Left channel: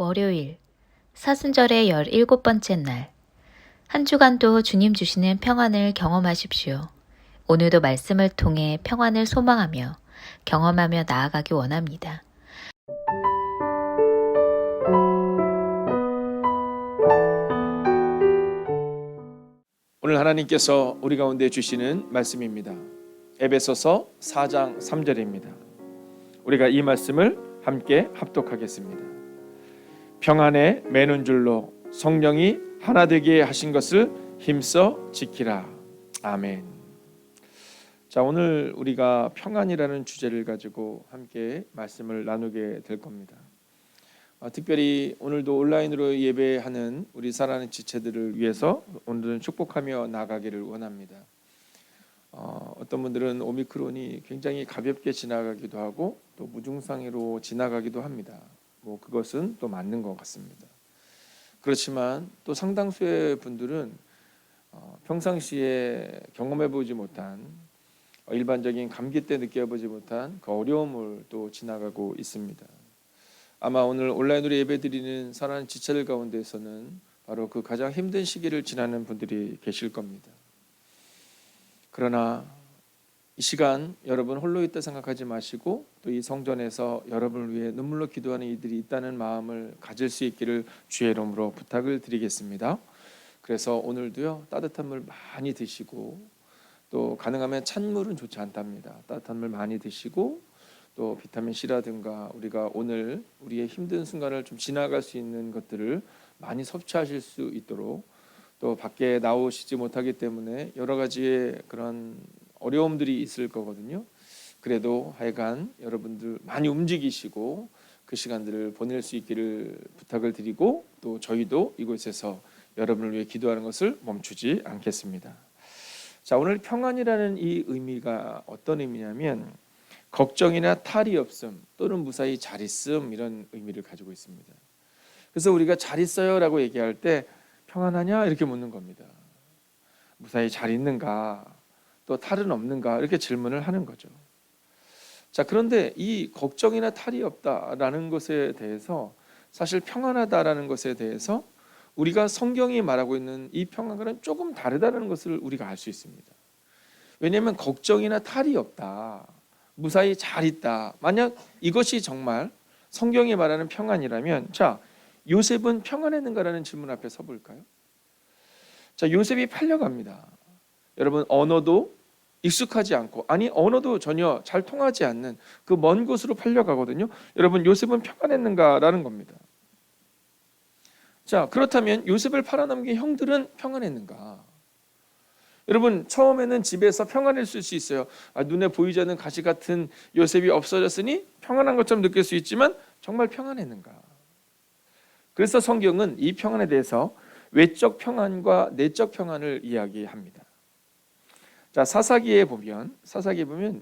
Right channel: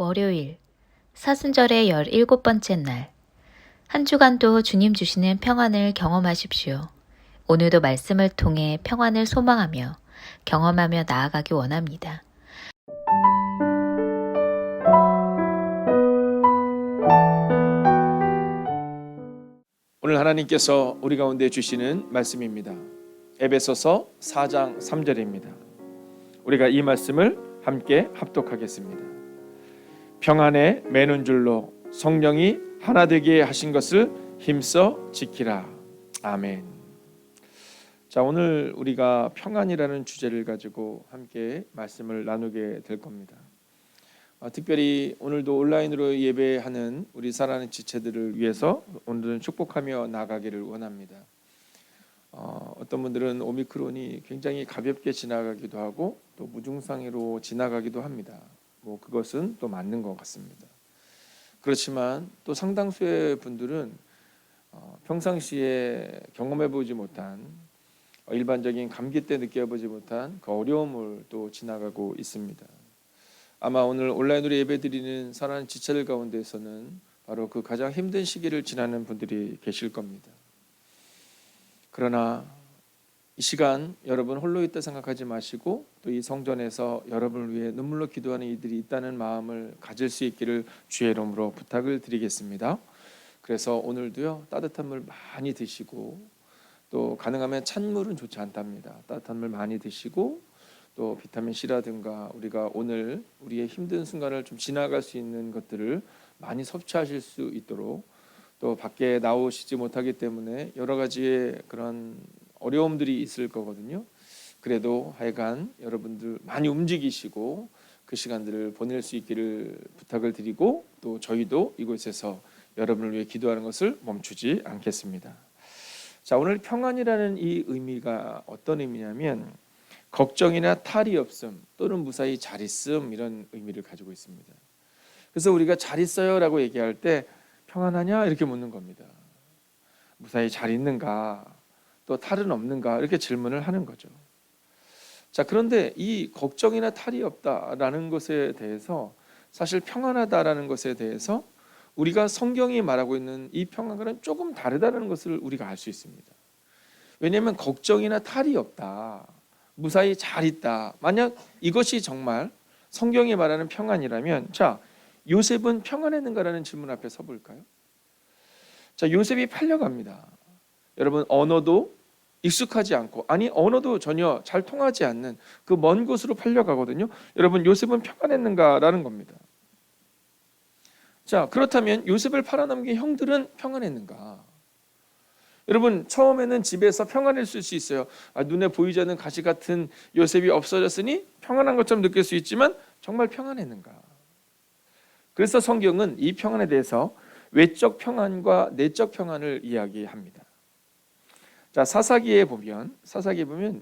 월요일, 사순절의 17번째 날. 한 주간도 주님 주시는 평안을 경험하십시오. 오늘도 말씀을 통해 평안을 소망하며 경험하며 나아가기 원합니다. 오늘 하나님께서 우리 가운데 주시는 말씀입니다. 에베소서 4장 3절입니다. 우리가 이 말씀을 함께 합독하겠습니다. 평안에 매는 줄로 성령이 하나 되게 하신 것을 힘써 지키라. 아멘. 자, 오늘 우리가 평안이라는 주제를 가지고 함께 말씀을 나누게 될 겁니다. 특별히 오늘도 온라인으로 예배하는 우리 사랑하는 지체들을 위해서 오늘은 축복하며 나가기를 원합니다. 어떤 분들은 오미크론이 굉장히 가볍게 지나가기도 하고 또 무증상으로 지나가기도 합니다. 그것은 또 맞는 것 같습니다. 그렇지만 또 상당수의 분들은 평상시에 경험해보지 못한 일반적인 감기 때 느껴보지 못한 그 어려움을 또 지나가고 있습니다. 아마 오늘 온라인으로 예배드리는 사랑하는 지체들 가운데서는 바로 그 가장 힘든 시기를 지나는 분들이 계실 겁니다. 그러나 이 시간 여러분 홀로 있다 생각하지 마시고 또 이 성전에서 여러분을 위해 눈물로 기도하는 이들이 있다는 마음을 가질 수 있기를 주의 이름으로 부탁을 드리겠습니다. 그래서 오늘도요, 따뜻한 물 많이 드시고 또 가능하면 찬물은 좋지 않답니다. 따뜻한 물 많이 드시고 또 비타민 C라든가 우리가 오늘 우리의 힘든 순간을 좀 지나갈 수 있는 것들을 많이 섭취하실 수 있도록, 또 밖에 나오시지 못하기 때문에 여러 가지의 그런 어려움들이 있을 거거든요. 그래도 하여간 여러분들 많이 움직이시고 그 시간들을 보낼 수 있기를 부탁을 드리고, 또 저희도 이곳에서 여러분을 위해 기도하는 것을 멈추지 않겠습니다. 자, 오늘 평안이라는 이 의미가 어떤 의미냐면 걱정이나 탈이 없음 또는 무사히 잘 있음, 이런 의미를 가지고 있습니다. 그래서 우리가 잘 있어요 라고 얘기할 때 평안하냐 이렇게 묻는 겁니다. 무사히 잘 있는가, 또 탈은 없는가, 이렇게 질문을 하는 거죠. 자, 그런데 이 걱정이나 탈이 없다라는 것에 대해서, 사실 평안하다라는 것에 대해서 우리가 성경이 말하고 있는 이 평안과는 조금 다르다는 것을 우리가 알 수 있습니다. 왜냐하면 걱정이나 탈이 없다, 무사히 잘 있다, 만약 이것이 정말 성경이 말하는 평안이라면, 자, 요셉은 평안했는가라는 질문 앞에 서볼까요? 자, 요셉이 팔려갑니다. 여러분, 언어도 익숙하지 않고, 아니 언어도 전혀 잘 통하지 않는 그 먼 곳으로 팔려가거든요. 여러분, 요셉은 평안했는가라는 겁니다. 자, 그렇다면 요셉을 팔아넘긴 형들은 평안했는가? 여러분, 처음에는 집에서 평안했을 수 있어요. 눈에 보이지 않는 가시 같은 요셉이 없어졌으니 평안한 것처럼 느낄 수 있지만 정말 평안했는가? 그래서 성경은 이 평안에 대해서 외적 평안과 내적 평안을 이야기합니다. 자, 사사기에 보면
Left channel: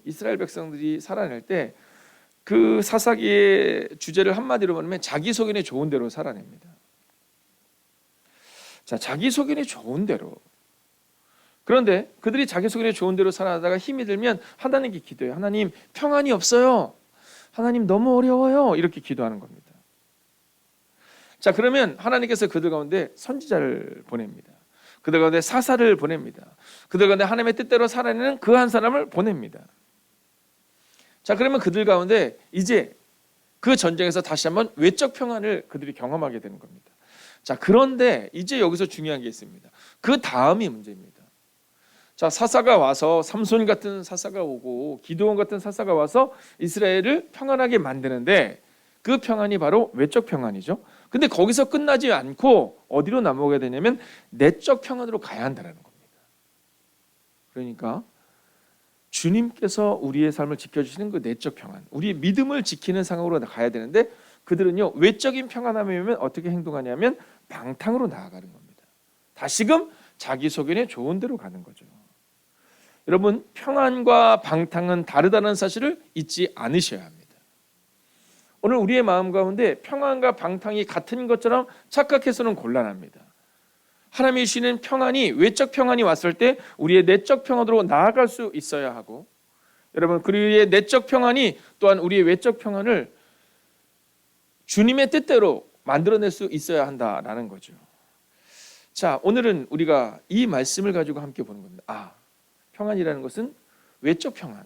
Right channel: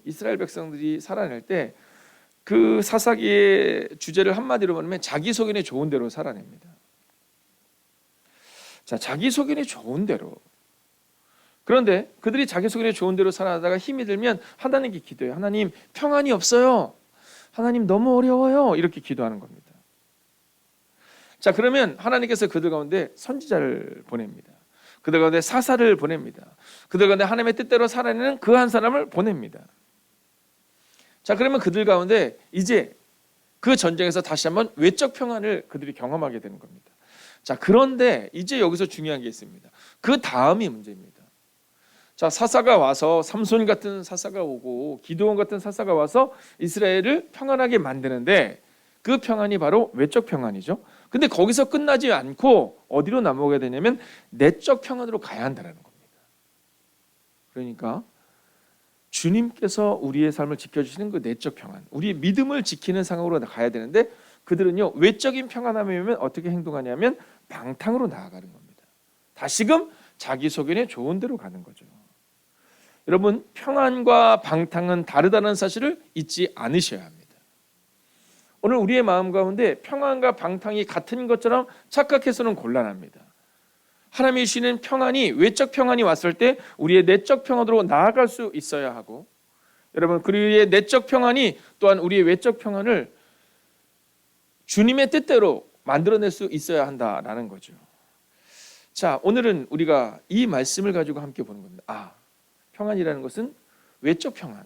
이스라엘 백성들이 살아낼 때 그 사사기의 주제를 한마디로 말하면 자기소견에 좋은 대로 살아냅니다. 자, 자기소견에 좋은 대로. 그런데 그들이 자기소견에 좋은 대로 살아가다가 힘이 들면 하나님께 기도해요. 하나님, 평안이 없어요. 하나님, 너무 어려워요. 이렇게 기도하는 겁니다. 자, 그러면 하나님께서 그들 가운데 선지자를 보냅니다. 그들 가운데 사사를 보냅니다. 그들 가운데 하나님의 뜻대로 살아내는 그 한 사람을 보냅니다. 자, 그러면 그들 가운데 이제 그 전쟁에서 다시 한번 외적 평안을 그들이 경험하게 되는 겁니다. 자, 그런데 이제 여기서 중요한 게 있습니다. 그 다음이 문제입니다. 자, 사사가 와서, 삼손 같은 사사가 오고 기드온 같은 사사가 와서 이스라엘을 평안하게 만드는데, 그 평안이 바로 외적 평안이죠. 근데 거기서 끝나지 않고 어디로 넘어가게 되냐면 내적 평안으로 가야 한다는 겁니다. 그러니까 주님께서 우리의 삶을 지켜주시는 그 내적 평안, 우리의 믿음을 지키는 상황으로 가야 되는데, 그들은요, 외적인 평안함이면 어떻게 행동하냐면 방탕으로 나아가는 겁니다. 다시금 자기 소견에 좋은 대로 가는 거죠. 여러분, 평안과 방탕은 다르다는 사실을 잊지 않으셔야 합니다. 오늘 우리의 마음 가운데 평안과 방탕이 같은 것처럼 착각해서는 곤란합니다. 하나님이 주시는 평안이, 외적 평안이 왔을 때 우리의 내적 평안으로 나아갈 수 있어야 하고, 여러분, 그리의 내적 평안이 또한 우리의 외적 평안을 주님의 뜻대로 만들어낼 수 있어야 한다라는 거죠. 자, 오늘은 우리가 이 말씀을 가지고 함께 보는 겁니다. 평안이라는 것은 외적 평안.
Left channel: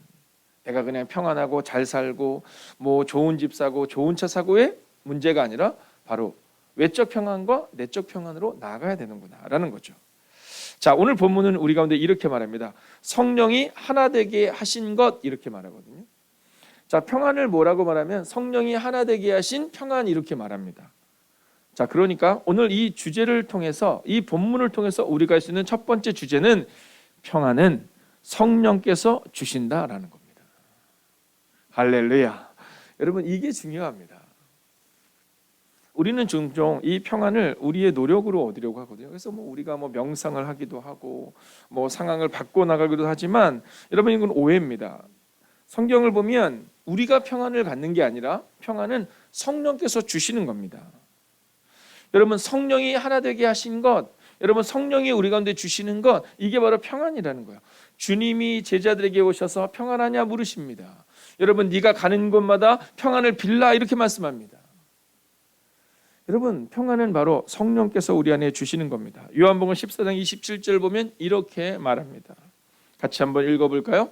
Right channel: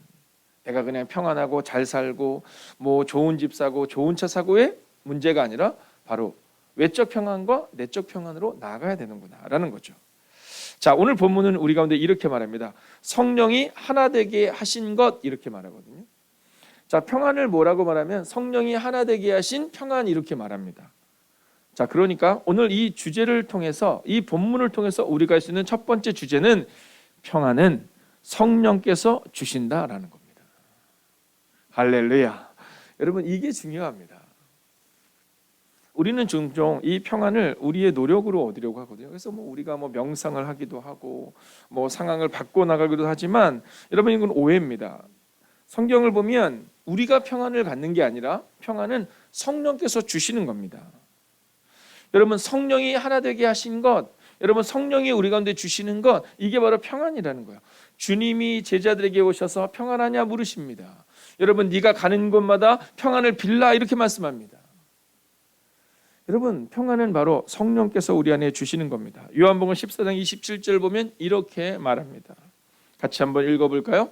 내가 그냥 평안하고 잘 살고 뭐 좋은 집 사고 좋은 차 사고의 문제가 아니라 바로 외적 평안과 내적 평안으로 나아가야 되는구나라는 거죠. 자, 오늘 본문은 우리 가운데 이렇게 말합니다. 성령이 하나 되게 하신 것, 이렇게 말하거든요. 자, 평안을 뭐라고 말하면 성령이 하나 되게 하신 평안, 이렇게 말합니다. 자, 그러니까 오늘 이 주제를 통해서, 이 본문을 통해서 우리가 할 수 있는 첫 번째 주제는 평안은 성령께서 주신다라는 겁니다. 할렐루야. 여러분, 이게 중요합니다. 우리는 종종 이 평안을 우리의 노력으로 얻으려고 하거든요. 그래서 우리가 명상을 하기도 하고 상황을 바꿔 나가기도 하지만, 여러분, 이건 오해입니다. 성경을 보면 우리가 평안을 갖는 게 아니라 평안은 성령께서 주시는 겁니다. 여러분, 성령이 하나 되게 하신 것, 여러분, 성령이 우리 가운데 주시는 것, 이게 바로 평안이라는 거예요. 주님이 제자들에게 오셔서 평안하냐 물으십니다. 여러분, 네가 가는 곳마다 평안을 빌라, 이렇게 말씀합니다. 여러분, 평안은 바로 성령께서 우리 안에 주시는 겁니다. 요한복음 14장 27절 보면 이렇게 말합니다. 같이 한번 읽어볼까요?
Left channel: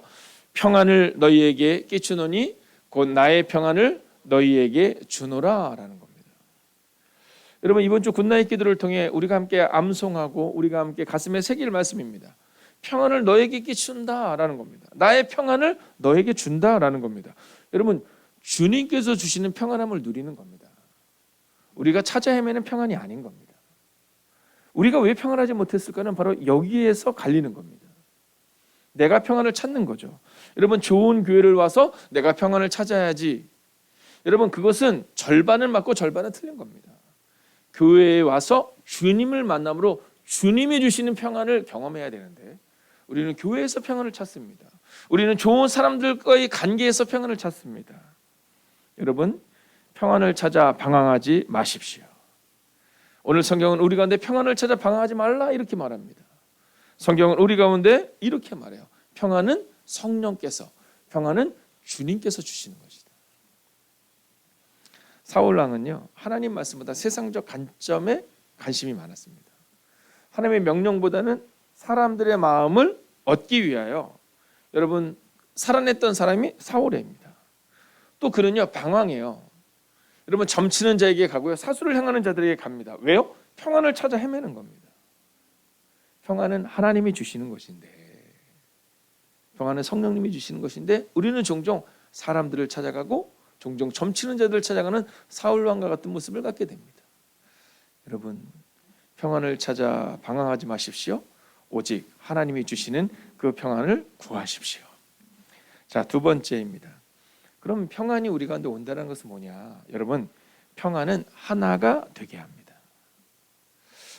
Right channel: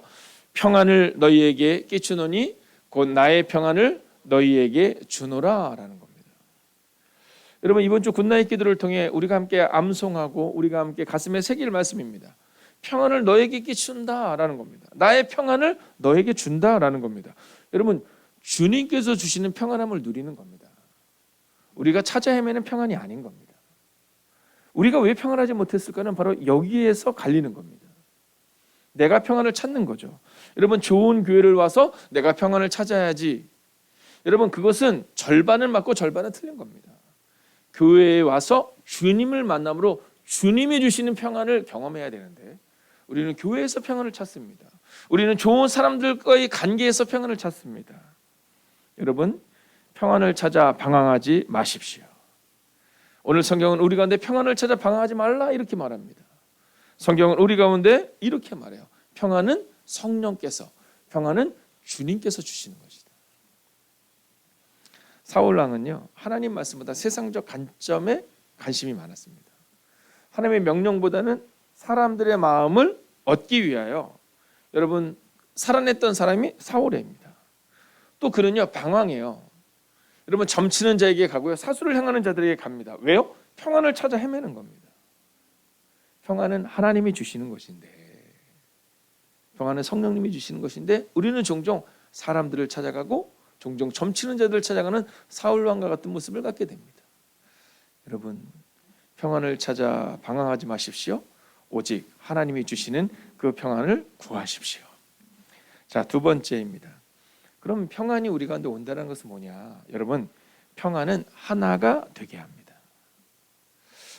평안을 너희에게 끼치노니 곧 나의 평안을 너희에게 주노라 라는 겁니다. 여러분, 이번 주 굿나잇 기도를 통해 우리가 함께 암송하고 우리가 함께 가슴에 새길 말씀입니다. 평안을 너에게 끼친다라는 겁니다. 나의 평안을 너에게 준다라는 겁니다. 여러분, 주님께서 주시는 평안함을 누리는 겁니다. 우리가 찾아 헤매는 평안이 아닌 겁니다. 우리가 왜 평안하지 못했을까는 바로 여기에서 갈리는 겁니다. 내가 평안을 찾는 거죠. 여러분, 좋은 교회를 와서 내가 평안을 찾아야지. 여러분, 그것은 절반은 맞고 절반은 틀린 겁니다. 교회에 와서 주님을 만남으로 주님이 주시는 평안을 경험해야 되는데, 우리는 교회에서 평안을 찾습니다. 우리는 좋은 사람들과의 관계에서 평안을 찾습니다. 여러분, 평안을 찾아 방황하지 마십시오. 오늘 성경은 우리 가운데 평안을 찾아 방황하지 말라, 이렇게 말합니다. 성경은 우리 가운데 이렇게 말해요. 평안은 성령께서, 평안은 주님께서 주시는 것이다. 사울왕은요, 하나님 말씀보다 세상적 관점에 관심이 많았습니다. 하나님의 명령보다는 사람들의 마음을 얻기 위하여, 여러분, 살아냈던 사람이 사울입니다. 또 그는요, 방황해요. 여러분, 점치는 자에게 가고요, 사수를 행하는 자들에게 갑니다. 왜요? 평안을 찾아 헤매는 겁니다. 평안은 하나님이 주시는 것인데, 평안은 성령님이 주시는 것인데, 우리는 종종 사람들을 찾아가고 종종 점치는 자들을 찾아가는 사울왕과 같은 모습을 갖게 됩니다. 여러분, 평안을 찾아 방황하지 마십시오. 오직 하나님이 주시는 그 평안을 구하십시오. 자, 두 번째입니다. 그럼 평안이 우리 가운데 온다는 것은 뭐냐? 여러분, 평안은 하나가 되게 합니다.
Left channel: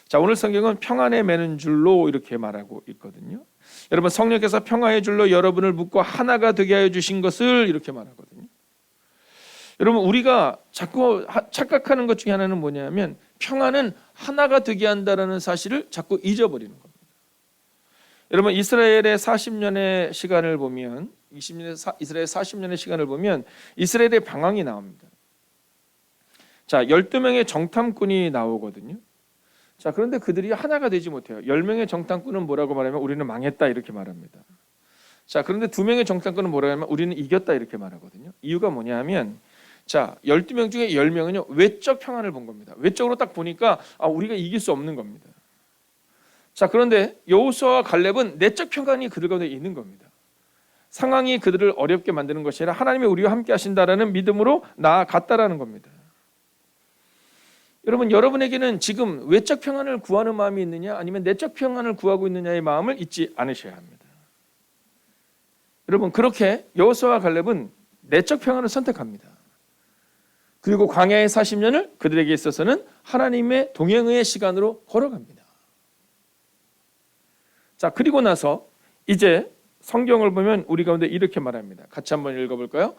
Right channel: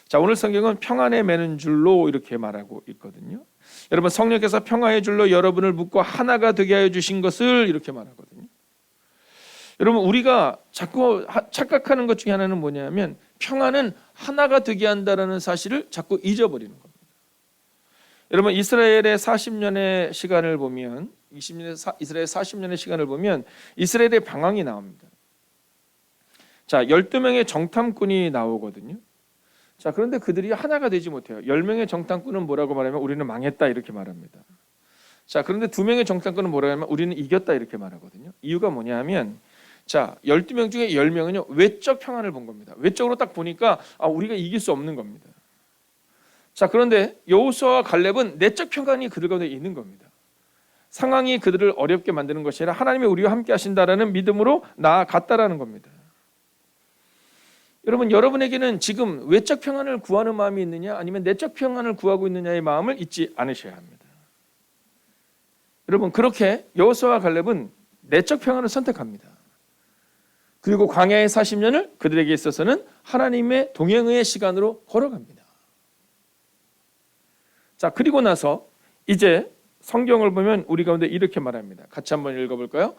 자, 오늘 성경은 평안에 매는 줄로 이렇게 말하고 있거든요. 여러분, 성령께서 평화의 줄로 여러분을 묶고 하나가 되게 하여 주신 것을 이렇게 말하거든요. 여러분, 우리가 자꾸 착각하는 것 중에 하나는 뭐냐면, 평안은 하나가 되게 한다는 사실을 자꾸 잊어버리는 겁니다. 여러분, 이스라엘의 40년의 시간을 보면, 이스라엘 40년의 시간을 보면 이스라엘의 방황이 나옵니다. 자, 12명의 정탐꾼이 나오거든요. 자, 그런데 그들이 하나가 되지 못해요. 10명의 정탐꾼은 뭐라고 말하면 우리는 망했다, 이렇게 말합니다. 자, 그런데 2명의 정탐꾼은 뭐라고 하면 우리는 이겼다, 이렇게 말하거든요. 이유가 뭐냐면, 자, 12명 중에 10명은요 외적 평안을 본 겁니다. 외적으로 딱 보니까 우리가 이길 수 없는 겁니다. 자, 그런데 여호수아와 갈렙은 내적 평안이 그들 가운데 있는 겁니다. 상황이 그들을 어렵게 만드는 것이 아니라 하나님이 우리와 함께 하신다라는 믿음으로 나아갔다라는 겁니다. 여러분, 여러분에게는 지금 외적 평안을 구하는 마음이 있느냐, 아니면 내적 평안을 구하고 있느냐의 마음을 잊지 않으셔야 합니다. 여러분, 그렇게 여호수아와 갈렙은 내적 평안을 선택합니다. 그리고 광야의 40년을 그들에게 있어서는 하나님의 동행의 시간으로 걸어갑니다. 자, 그리고 나서 이제 성경을 보면 우리 가운데 이렇게 말합니다. 같이 한번 읽어볼까요?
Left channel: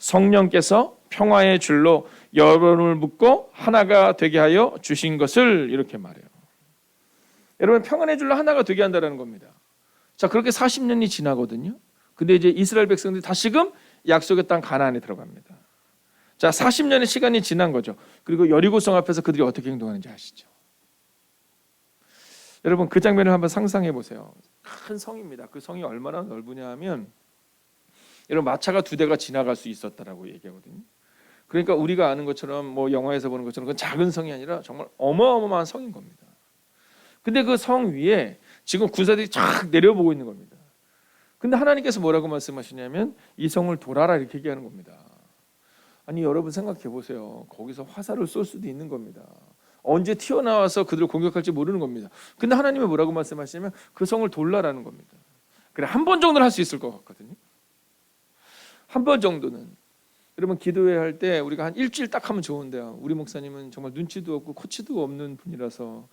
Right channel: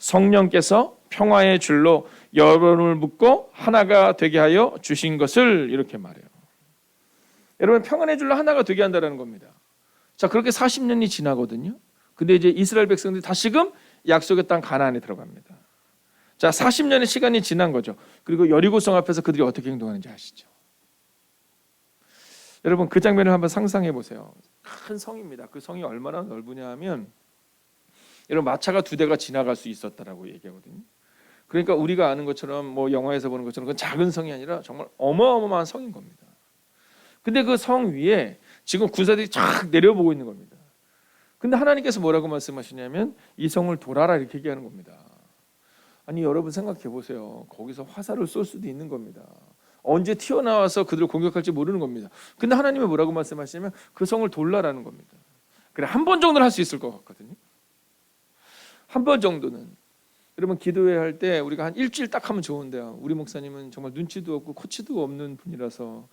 성령께서 평화의 줄로 여러분을 묶고 하나가 되게 하여 주신 것을, 이렇게 말해요. 여러분, 평안의 줄로 하나가 되게 한다는 겁니다. 자, 그렇게 40년이 지나거든요. 근데 이제 이스라엘 백성들이 다시금 약속의 땅 가나안에 들어갑니다. 자, 40년의 시간이 지난 거죠. 그리고 여리고성 앞에서 그들이 어떻게 행동하는지 아시죠? 여러분 그 장면을 한번 상상해 보세요. 큰 성입니다. 그 성이 얼마나 넓으냐 하면 여러분 마차가 2대가 지나갈 수 있었다라고 얘기하거든요. 그러니까 우리가 아는 것처럼 뭐 영화에서 보는 것처럼 그 작은 성이 아니라 정말 어마어마한 성인 겁니다. 근데 그 성 위에 지금 군사들이 쫙 내려보고 있는 겁니다. 근데 하나님께서 뭐라고 말씀하시냐면 이 성을 돌아라 이렇게 얘기하는 겁니다. 아니 여러분 생각해 보세요. 거기서 화살을 쏠 수도 있는 겁니다. 언제 튀어나와서 그들을 공격할지 모르는 겁니다. 근데 하나님이 뭐라고 말씀하시냐면 그 성을 돌라라는 겁니다. 그래 한 번 정도는 할 수 있을 것 같거든요. 한 번 정도는. 여러분 기도회 할 때 우리가 한 일주일 딱 하면 좋은데요. 우리 목사님은 정말 눈치도 없고 코치도 없는 분이라서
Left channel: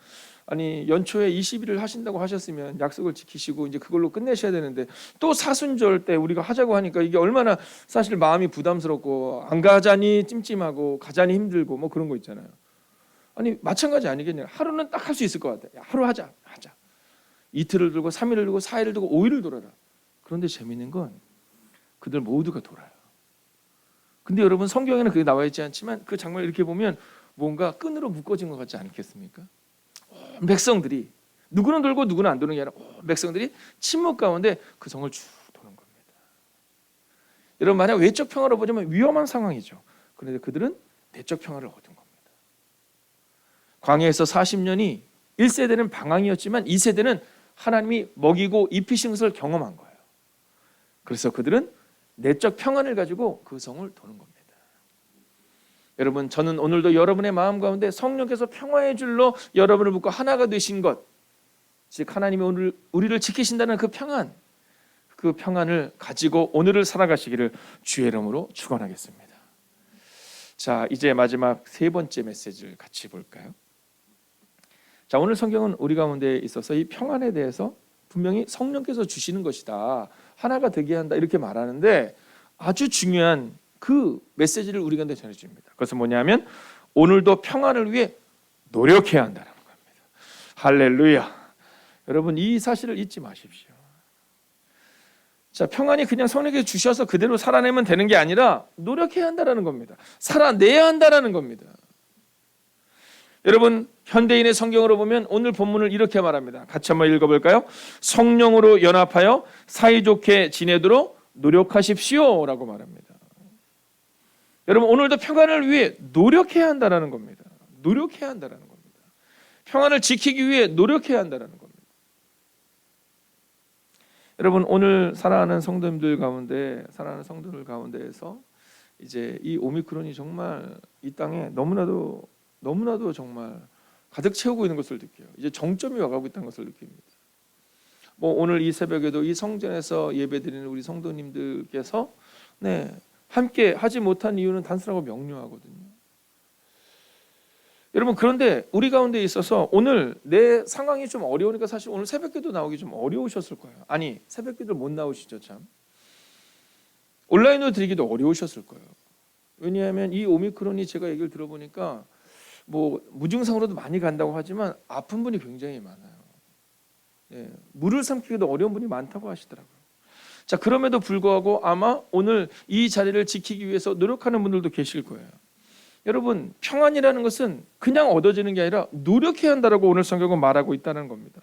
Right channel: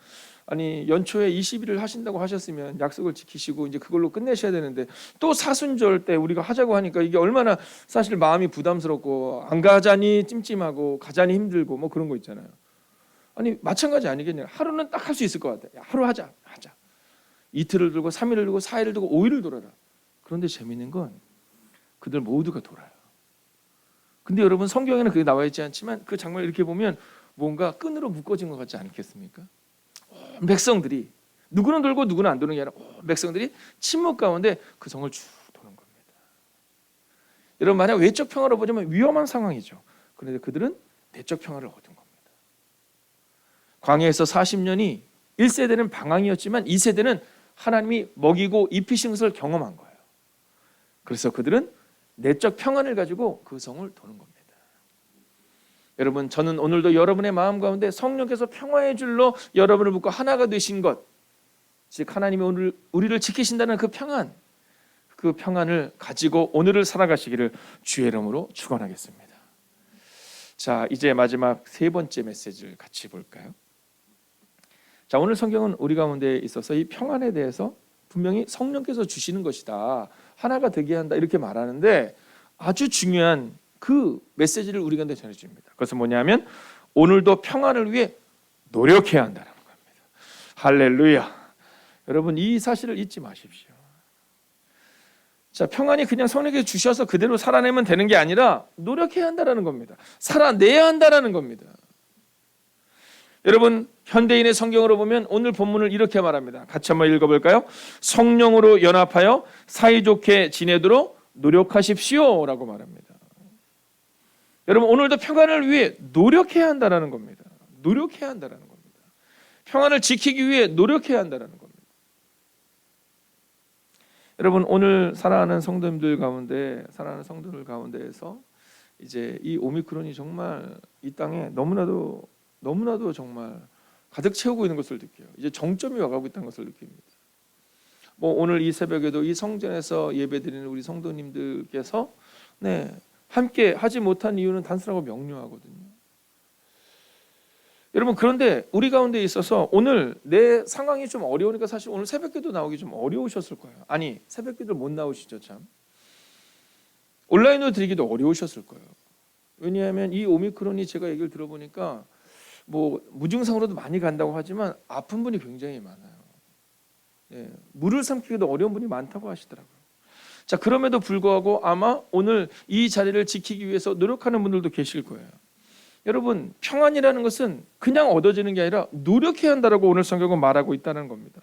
아니 연초에 20일을 하신다고 하셨으면 약속을 지키시고 이제 그걸로 끝내셔야 되는데 또 사순절 때 우리가 하자고 하니까 이게 얼마나 사실 마음이 부담스럽고 안 가자니 찜찜하고 가자니 힘들고 뭐 그런 거 있잖아요. 아니 마찬가지 아니겠냐. 하루는 딱 할 수 있을 것 같아. 야, 하루 하자. 이틀을 두고 3일을 두고 4일을 두고 5일을 돌아라. 그런데 재미있는 건 그들 모두가 돌아요. 근데 여러분 성경에는 그게 나와 있지 않지만 그 장면을 이렇게 보면 뭔가 끈으로 묶어진 것 같지 않겠습니까? 백성들이 누구는 돌고 누구는 안 도는 게 아니라 백성들이 침묵 가운데 그 성을 쭉 도는 겁니다. 여러분 만약 외적 평화로 보자면 위험한 상황이죠. 그런데 그들은 내적 평화를 얻은 겁니다. 광야에서 40년이 1세대는 방황이었지만 2세대는 하나님이 먹이고 입히신 것을 경험한 거예요. 그래서 그들은 내적 평안을 가지고 그 성을 도는 겁니다. 여러분 저는 오늘도 여러분의 마음 가운데 성령께서 평화의 줄로 여러분을 묶고 하나가 되신 것, 즉 하나님이 오늘 우리를 지키신다는 그 평안을 가지고 오늘을 살아가시기를 주의 이름으로 축원하겠습니다. 자, 이제 마지막 3번째 메시지를 같이 볼까요? 자, 오늘 성경은 우리 가운데 있어서 이 평안에 대해서 분명히 성령께서 주시는 것이다. 하나가 되게 한다. 이렇게 말하는데 아주 중요한 그 메시지를 우리 가운데 전해줍니다. 그것은 뭐냐면 오늘도 평안을 위해 노력해야 한다는 겁니다. 할렐루야. 여러분 이 사실을 잊지 마십시오. 자, 평안이 그냥 성령께서 주셔서 그대로 살아내면 되는 게 아니라 노력해야 한다는 겁니다. 살아내야 한다는 겁니다. 여러분 현대인의 성경으로 보면 오늘 본문을 이렇게 말합니다. 같이 한번 읽어볼까요? 성령으로 연합하여 사이좋게 지내도록 노력하십시오 라고 말합니다. 여러분 오늘도 평안을 위해 노력해야 한다는 겁니다. 노력해야 한다는 겁니다. 평안을 지키기 위해 노력해야 한다는 겁니다. 여러분 오늘 사랑하는 성도들 가운데에서 이제 이 오미크론이 정말 이 땅에 너무나도 정말 가득 채우고 있는 것을 느껴요. 이제 정점이 와가고 있다는 것을 느낍니다. 뭐 오늘 이 새벽에도 이 성전에서 예배드리는 우리 성도님들께서 함께 하지 못한 이유는 단순하고 명료하거든요. 여러분 그런데 우리 가운데 있어서 오늘 내 상황이 좀 어려우니까 사실 오늘 새벽기도 나오기 좀 어려우셨을 거예요. 아니 새벽기도 못 나오시죠 참. 온라인으로 드리기도 어려우셨을 거예요. 왜냐하면 이 오미크론이 제가 얘기를 들어보니까 뭐 무증상으로도 많이 간다고 하지만 아픈 분이 굉장히 많아요. 물을 삼키기도 어려운 분이 많다고 하시더라고요. 자, 그럼에도 불구하고 아마 오늘 이 자리를 지키기 위해서 노력하는 분들도 계실 거예요. 여러분 평안이라는 것은 그냥 얻어지는 게 아니라 노력해야 한다라고 오늘 성경은 말하고 있다는 겁니다.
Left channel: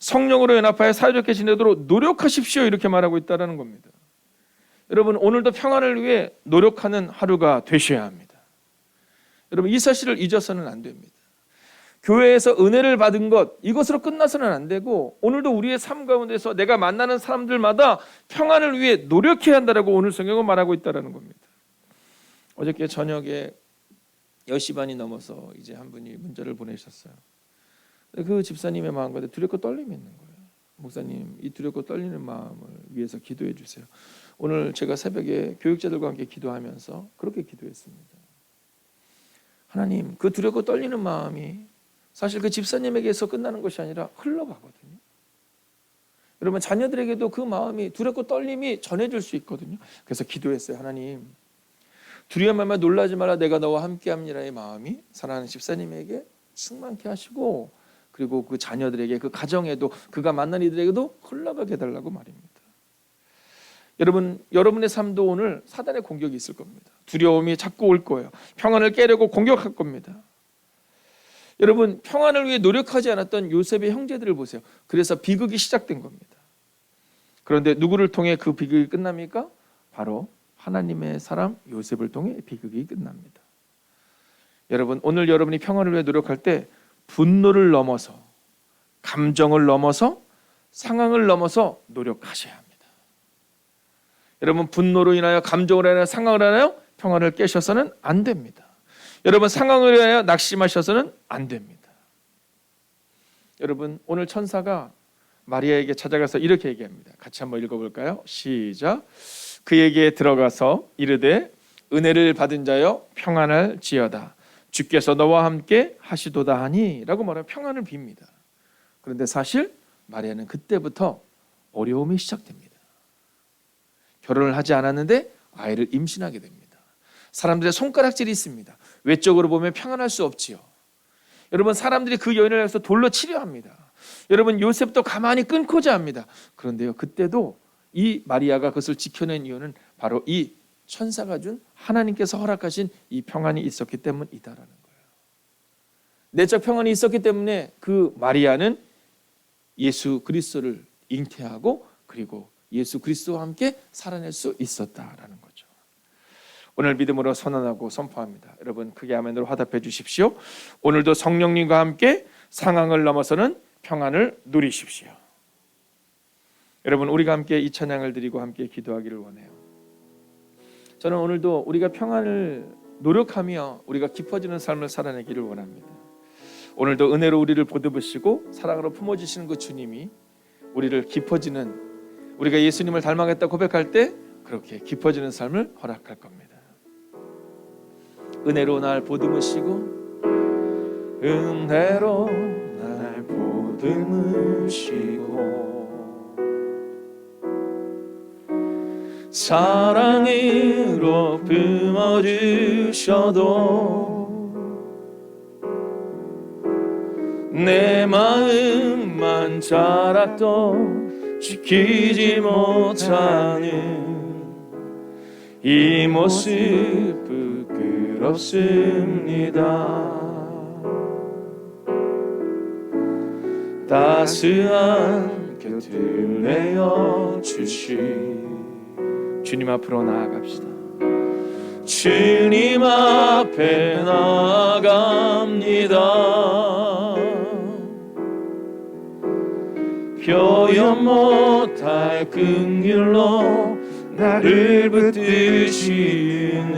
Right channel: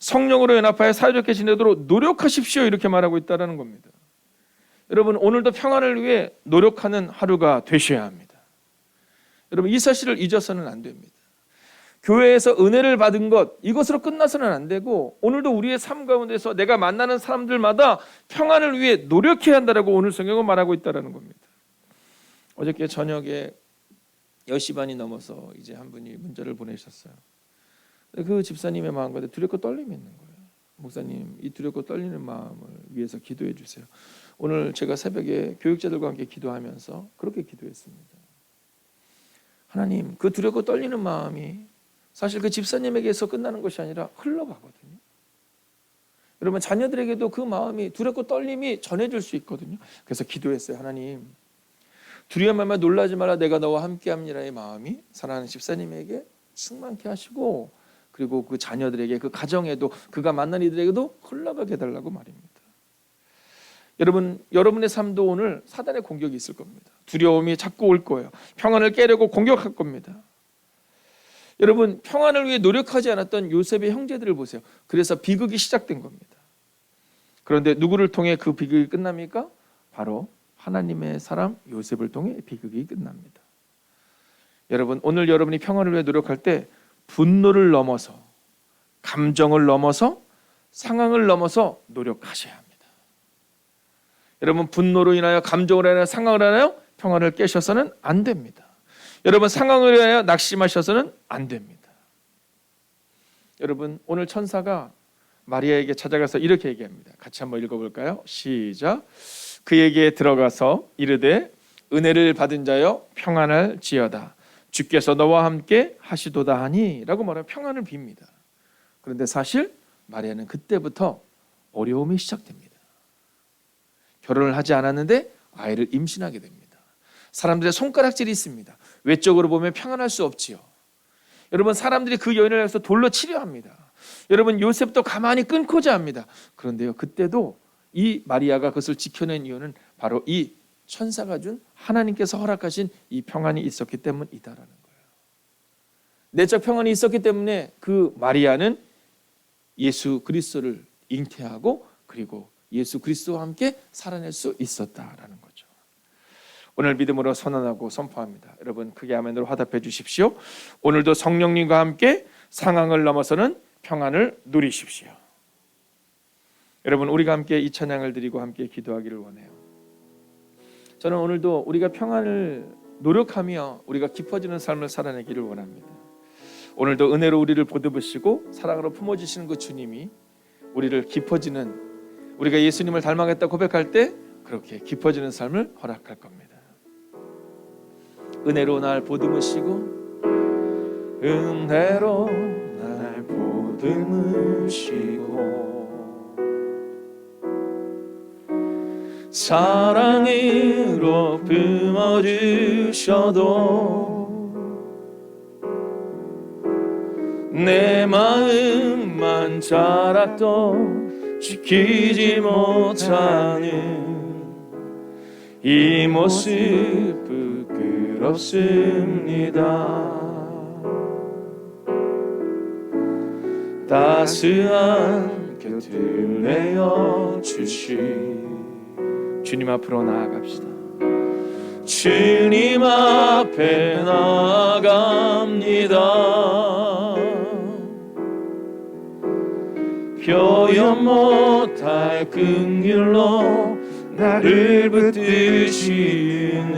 성령으로 연합하여 사이좋게 지내도록 노력하십시오 이렇게 말하고 있다는 겁니다. 여러분 오늘도 평안을 위해 노력하는 하루가 되셔야 합니다. 여러분 이 사실을 잊어서는 안 됩니다. 교회에서 은혜를 받은 것 이것으로 끝나서는 안 되고 오늘도 우리의 삶 가운데서 내가 만나는 사람들마다 평안을 위해 노력해야 한다라고 오늘 성경은 말하고 있다는 겁니다. 어저께 저녁에 10시 반이 넘어서 이제 한 분이 문자를 보내셨어요. 그 집사님의 마음 가운데 두렵고 떨림이 있는 거예요. 목사님 이 두렵고 떨리는 마음을 위해서 기도해 주세요. 오늘 제가 새벽에 교육자들과 함께 기도하면서 그렇게 기도했습니다. 하나님 그 두렵고 떨리는 마음이 사실 그 집사님에게서 끝나는 것이 아니라 흘러가거든요. 여러분 자녀들에게도 그 마음이 두렵고 떨림이 전해질 수 있거든요. 그래서 기도했어요. 하나님 두려움 말마 놀라지 마라 내가 너와 함께함이라의 마음이 사랑하는 집사님에게 충만케 하시고 그리고 그 자녀들에게 그 가정에도 그가 만난 이들에게도 흘러가게 해달라고 말입니다. 여러분, 여러분의 삶도 오늘 사단의 공격이 있을 겁니다. 두려움이 자꾸 올 거예요. 평안을 깨려고 공격할 겁니다. 여러분, 평안을 위해 노력하지 않았던 요셉의 형제들을 보세요. 그래서 비극이 시작된 겁니다. 그런데 누구를 통해 그 비극이 끝납니까? 바로 하나님의 사람 요셉을 통해 비극이 끝납니다. 여러분, 오늘 여러분이 평안을 위해 노력할 때 분노를 넘어서, 감정을 넘어서, 상황을 넘어서 노력하셔야 합니다. 여러분, 분노로 인하여, 감정으로 인하여, 상황을 인하여 평안을 깨셔서는 안 됩니다. 여러분, 상황을 인하여 낙심하셔서는 안 됩니다. 여러분, 오늘 천사가 마리아에게 찾아가서 이렇게 얘기합니다. 같이 한번 읽어볼까요? 시작. 그에게 들어가서 이르되 은혜를 받은 자여 평안할지어다. 주께서 너와 함께 하시도다 하니 라고 말하면 평안을 빕니다. 그런데 사실 마리아는 그때부터 어려움이 시작됩니다. 결혼을 하지 않았는데 아이를 임신하게 됩니다. 사람들의 손가락질이 있습니다. 외적으로 보면 평안할 수 없지요. 여러분, 사람들이 그 여인을 해서 돌로 치려 합니다. 여러분, 요셉도 가만히 끊고자 합니다. 그런데요, 그때도 이 마리아가 그것을 지켜낸 이유는 바로 이 천사가 준, 하나님께서 허락하신 이 평안이 있었기 때문이다라는 거예요. 내적 평안이 있었기 때문에 그 마리아는 예수 그리스도를 잉태하고 그리고 예수 그리스도와 함께 살아낼 수 있었다라는 거죠. 오늘 믿음으로 선언하고 선포합니다. 여러분, 크게 아멘으로 화답해 주십시오. 오늘도 성령님과 함께 상황을 넘어서는 평안을 누리십시오. 여러분, 우리가 함께 이 찬양을 드리고 함께 기도하기를 원해요. 저는 오늘도 우리가 평안을 노력하며 우리가 깊어지는 삶을 살아내기를 원합니다. 오늘도 은혜로 우리를 보듬으시고 사랑으로 품어주시는 그 주님이 우리를 깊어지는, 우리가 예수님을 닮아가겠다 고백할 때 그렇게 깊어지는 삶을 허락할 겁니다. 은혜로 날 보듬으시고, 은혜로 날 보듬으시고, 사랑으로 품어주셔도 내 마음만 자라도 지키지 못하는 이 모습 부끄럽습니다. 따스한 곁을 내어주시 주님 앞으로 나아갑시다. 주님 앞에 나아갑니다. 표현 못할 긍휼로 나를 붙드시는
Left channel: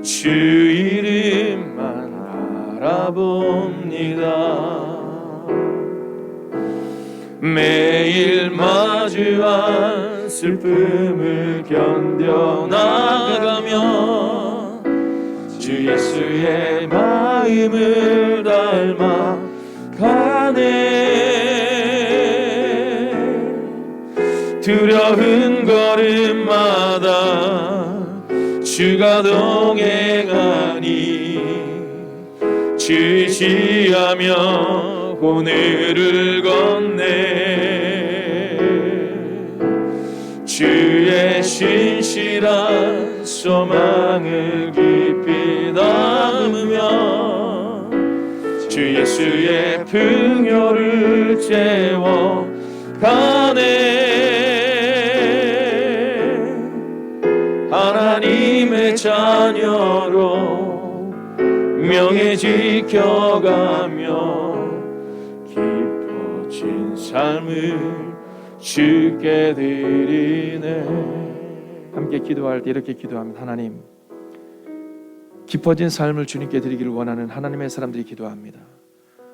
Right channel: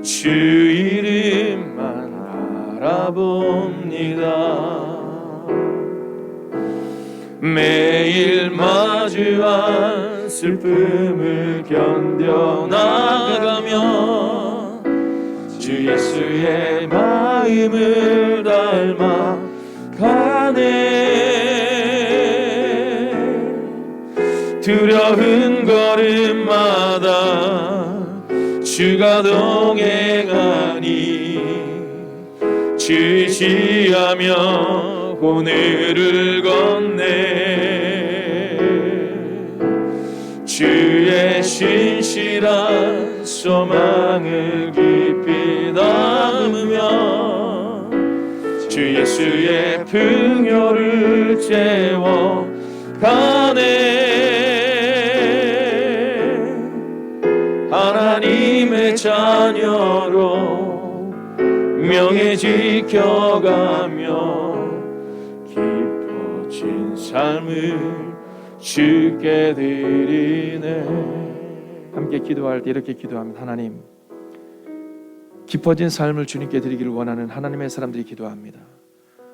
주 이름만 알아봅니다. 매일 마주한 슬픔을 견뎌나가며 주 예수의 마음을 닮아가네. 두려운 걸음마다 주가 동행하니 주시하며 오늘을 건네. 주의 신실한 소망을 깊이 담으며 주 예수의 풍요를 채워가네. 하나님의 자녀로 명예 지켜가며 깊어진 삶을 주께 드리네. 함께 기도할 때 이렇게 기도합니다. 하나님, 깊어진 삶을 주님께 드리기를 원하는 하나님의 사람들이 기도합니다.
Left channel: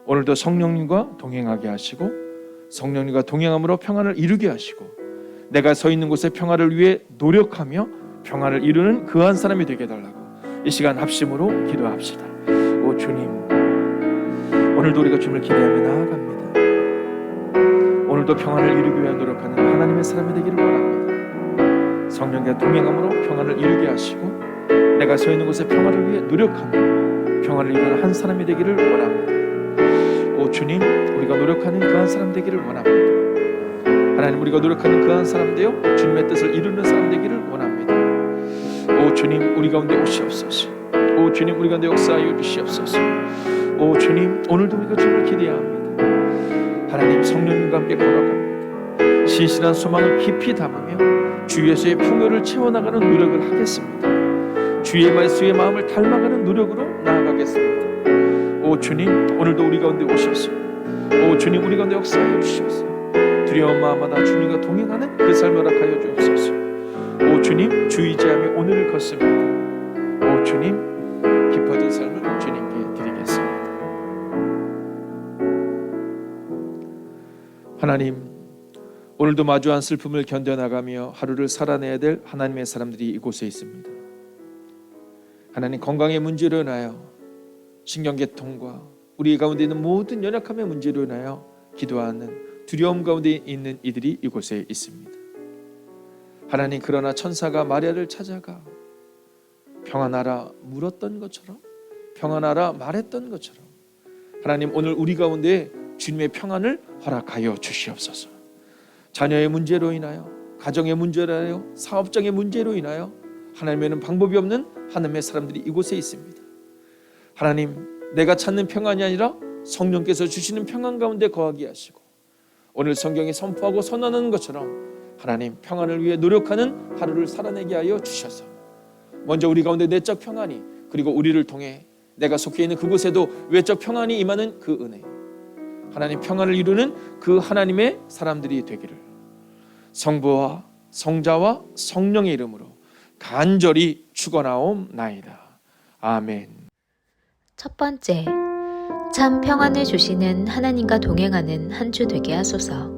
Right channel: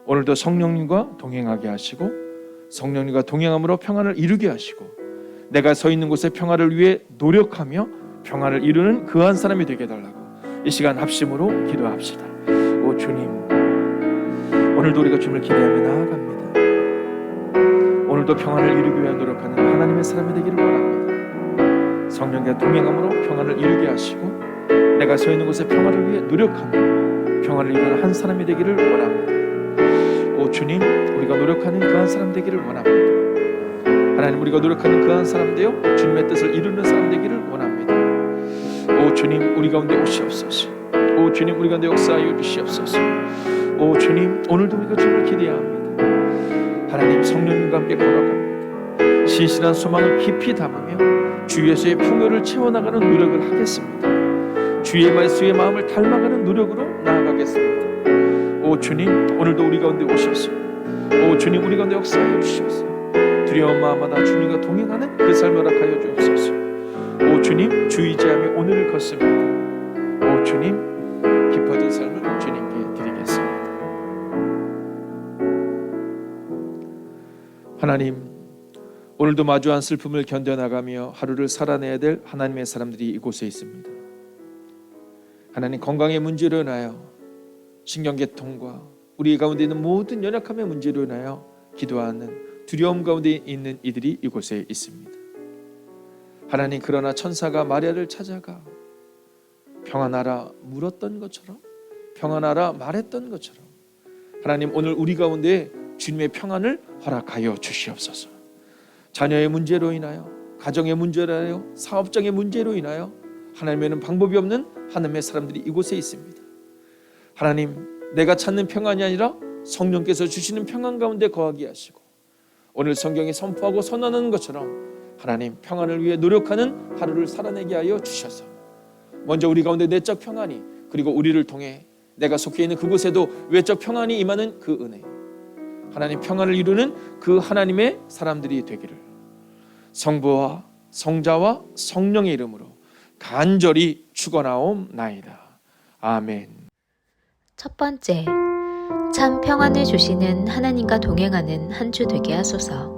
오늘도 성령님과 동행하게 하시고 성령님과 동행함으로 평안을 이루게 하시고 내가 서 있는 곳에 평안을 위해 노력하며 평안을 이루는 그 한 사람이 되게 해달라고 이 시간 합심으로 기도합시다. 오 주님, 오늘도 우리가 주님을 기대하며 나아갑니다. 오늘도 평안을 이루기 위해 노력하는 하나님의 사람이 되기를 원합니다. 성령과 동행함으로 평안을 이루게 하시고 내가 서 있는 곳에 평안을 위해 노력하며 평안을 이루는 한 사람이 되기를 원합니다. 오 주님, 우리가 노력하는 그 한 사람 되기를 원합니다. 하나님, 우리가 노력하는 그 한 사람 되어 주님의 뜻을 이루는 사람 되기를 원합니다. 오 주님, 우리 가운데 오시옵소서. 오 주님, 우리 가운데 역사하여 주시옵소서. 오 주님, 오늘도 우리가 주님을 기대합니다. 하나님, 성령님과 함께 걸어갑니다. 신실한 소망을 깊이 담으며 주 예수의 풍요를 채워나가는 노력을 하겠습니다. 주의 말씀의 마음을 닮아가는 노력으로 나아가겠습니다. 오 주님, 오늘도 우리 가운데 오셔서 오 주님, 우리 가운데 역사하여 주시옵소서. 두려운 마음마다 주님과 동행하는 그 삶을 허락하여 주옵소서. 오 주님, 주 의지하며 오늘을 걷습니다. 오 주님, 깊어진 삶을 주님께 드리겠습니다. 하나님, 오늘도 마주한 슬픔을 견뎌나가며 하루를 살아내야 될 하나님의 사람들이 이곳에 있습니다. 하나님, 건강의 문제로 인하여 신경계통과 우리 가운데 있는 모든 연약함의 문제로 인하여 기도하는 두려움 가운데 있는 이들이 이곳에 있습니다. 하나님, 그러나 천사가 마리아를 찾아가 평안하라 물었던 것처럼, 평안하라 말했던 것처럼 하나님, 오늘 우리 가운데 주님의 평안을 허락하여 주시옵소서. 자녀의 문제로 인하여, 가정의 문제로 인하여, 사업장의 문제로 인하여 하나님에는 방법이 없는 하나님의 사람들이 이곳에 있습니다. 하나님, 내가 찾는 평안이 아니라 성령께서 주시는 평안 가운데 거하게 하시고, 오늘 성경이 선포하고 선언하는 것처럼 하나님, 평안을 위해 노력하는 하루를 살아내게 하여 주셔서 먼저 우리 가운데 내적 평안이, 그리고 우리를 통해 내가 속해 있는 그곳에도 외적 평안이 임하는 그 은혜, 하나님 평안을 이루는 그 하나님의 사람들이 되기를 성부와 성자와 성령의 이름으로 간절히 축원하옵나이다. 아멘. 첫 번째, 참 평안을 주시는 하나님과 동행하는 한 주 되게 하소서.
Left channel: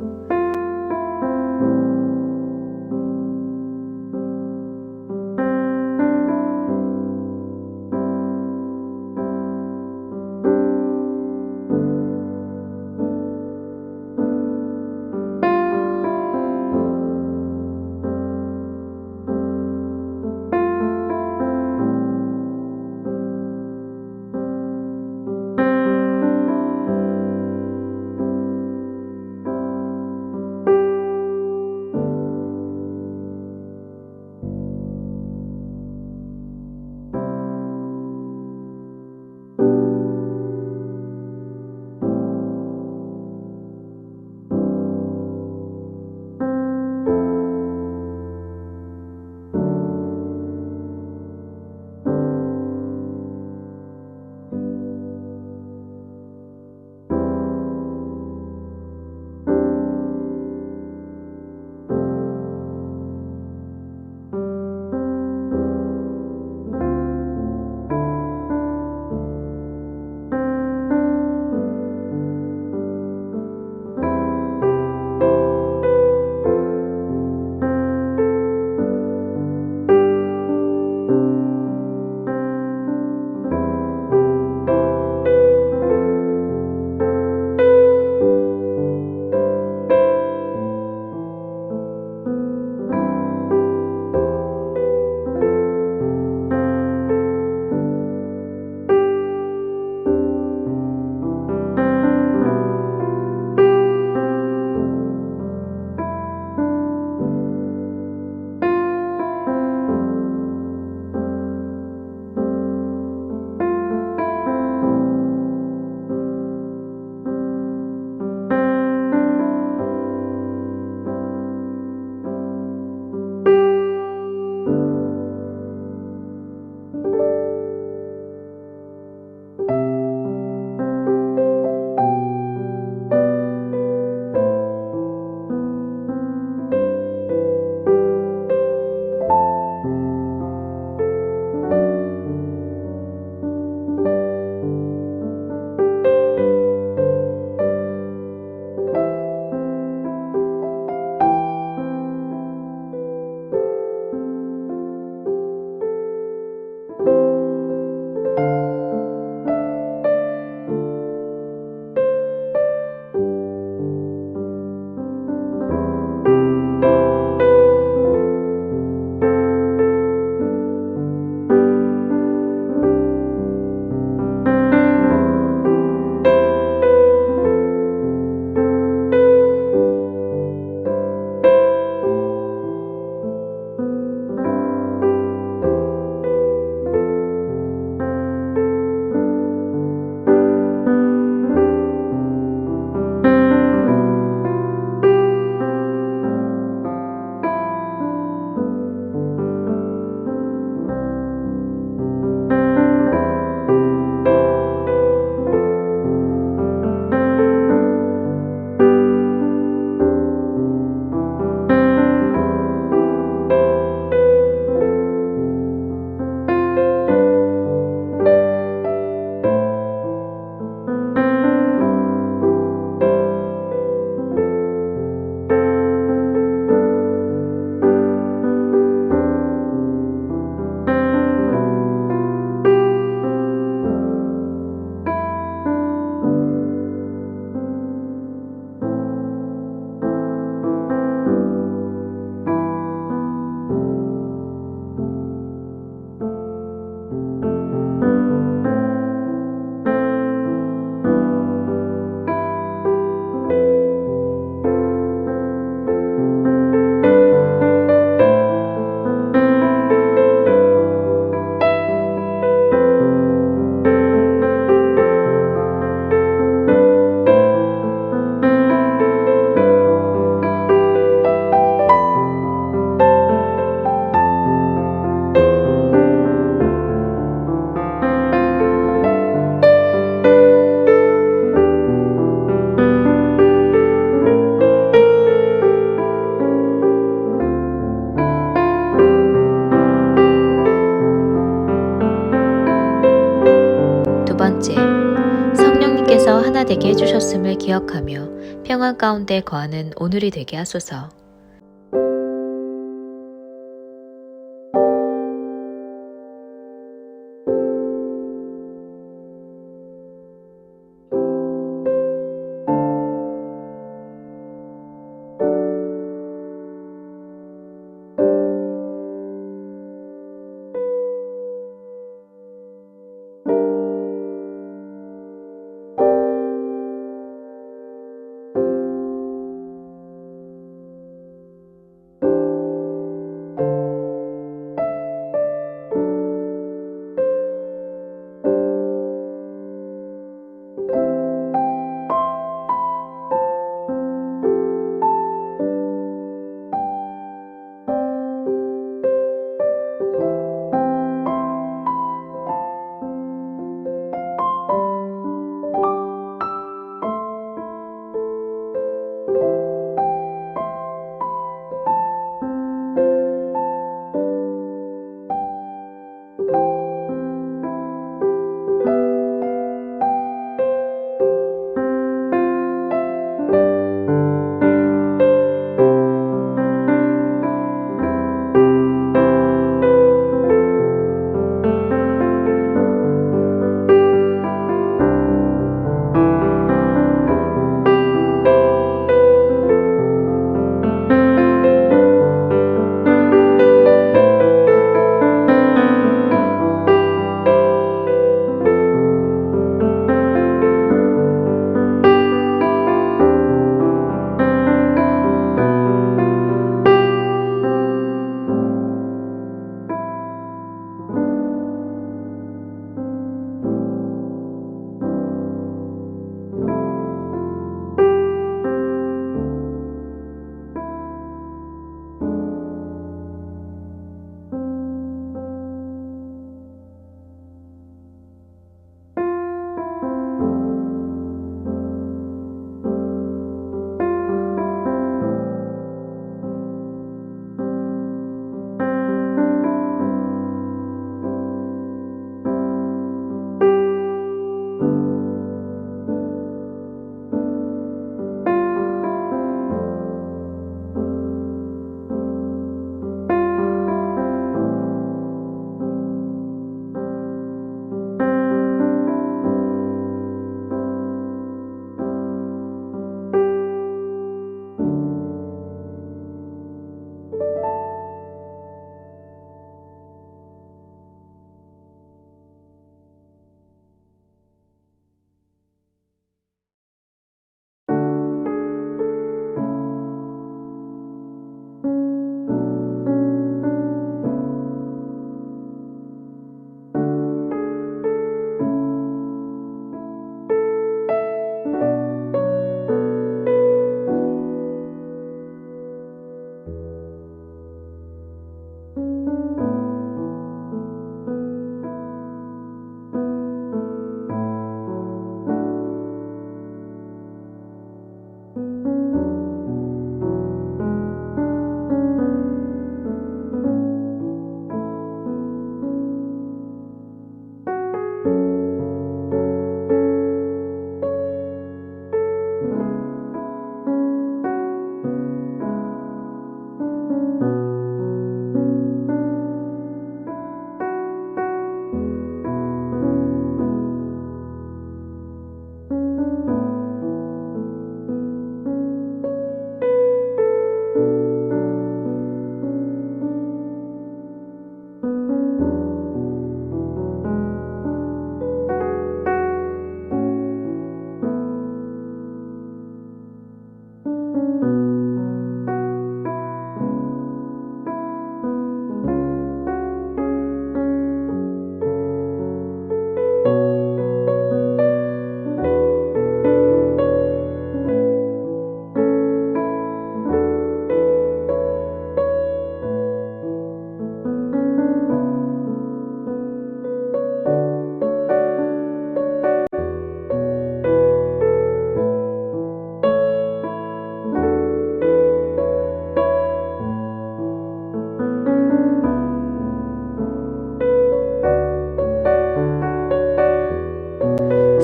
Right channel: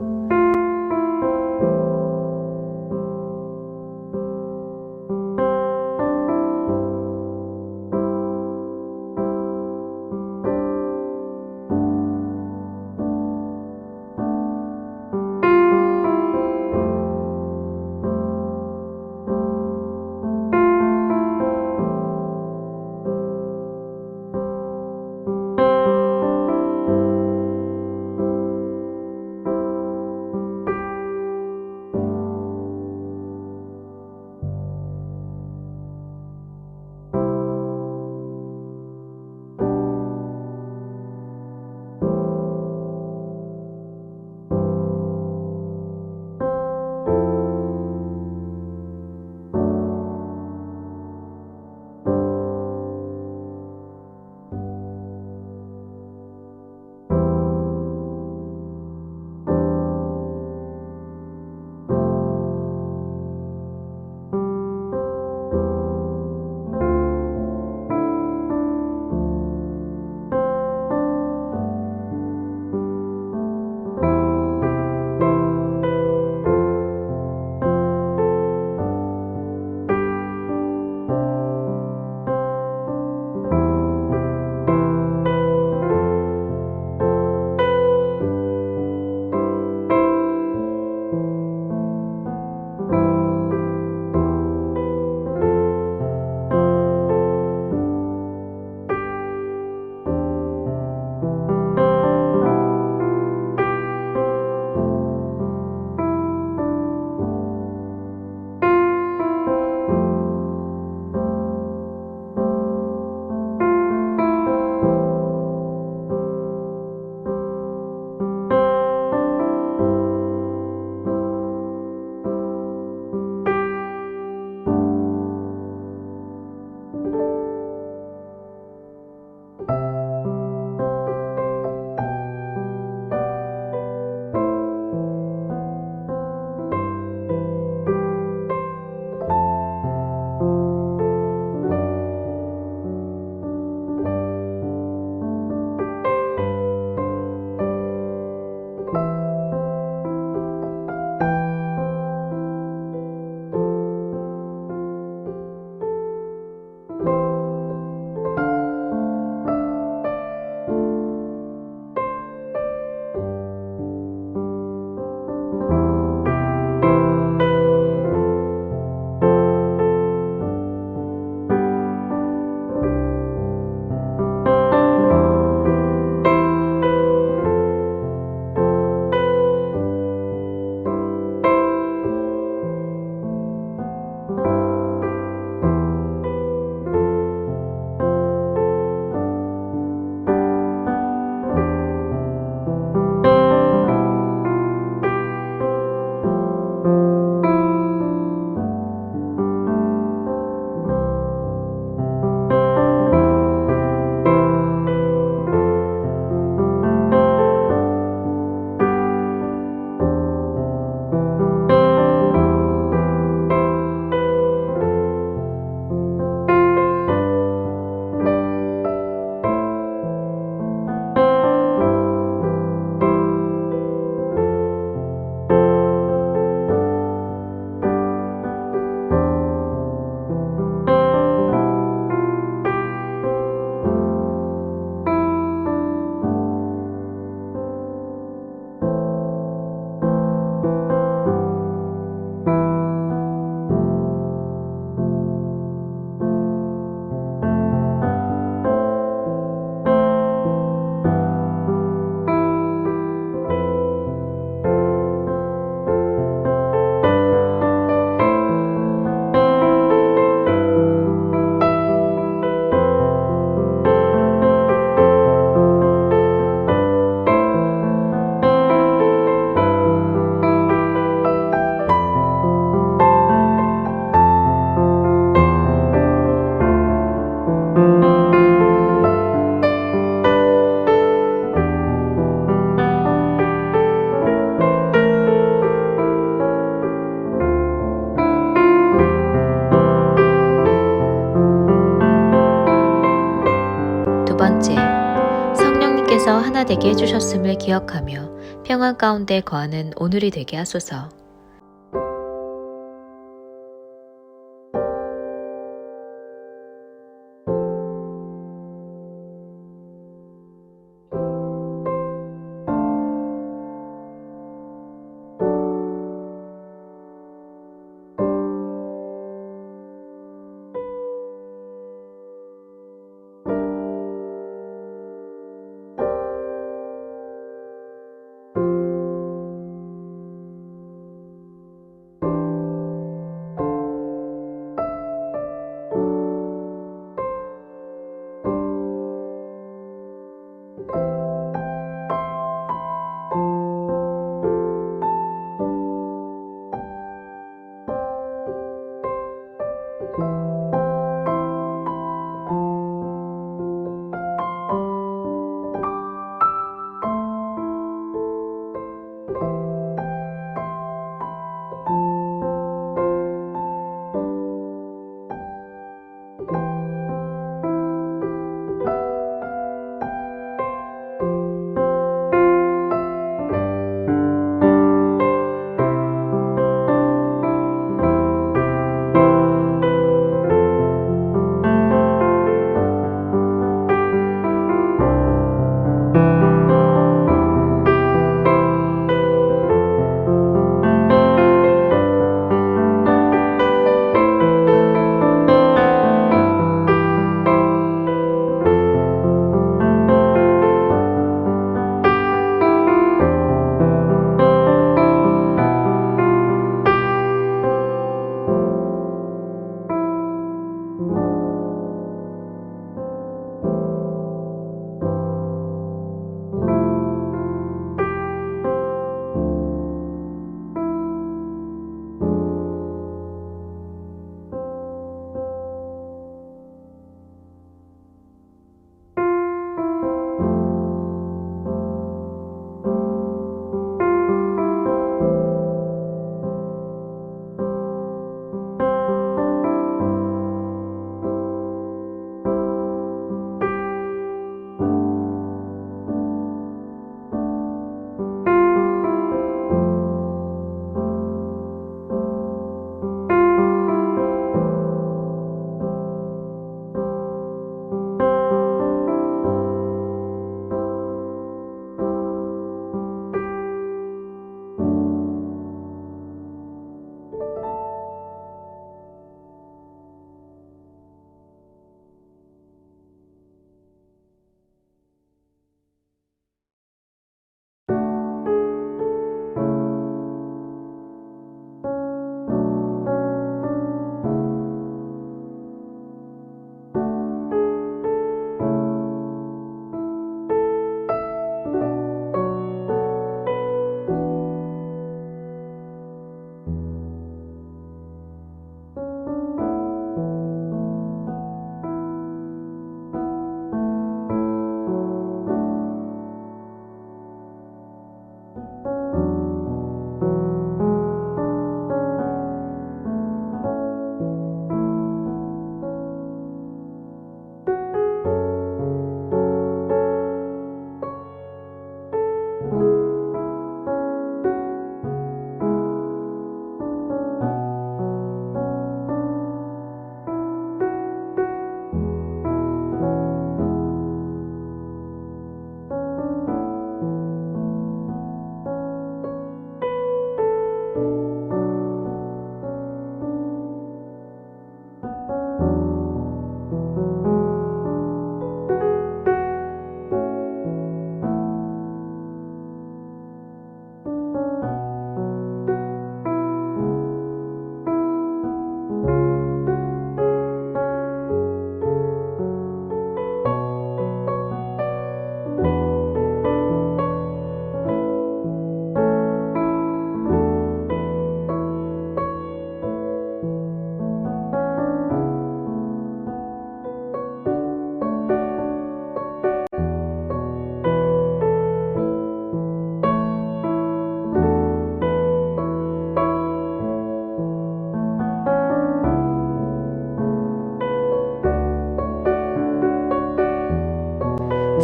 주께서 하나 되게 해주셨음을 기억하며 평안 가운데 거하는 오늘이 되게 하소서.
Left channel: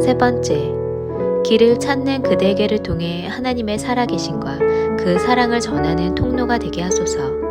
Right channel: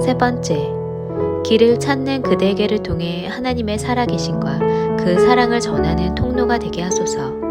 세 번째, 길을 찾는 그대에게를 통해 하나님의 살아계심과 그 사랑을 전하는 통로가 되게 하소서.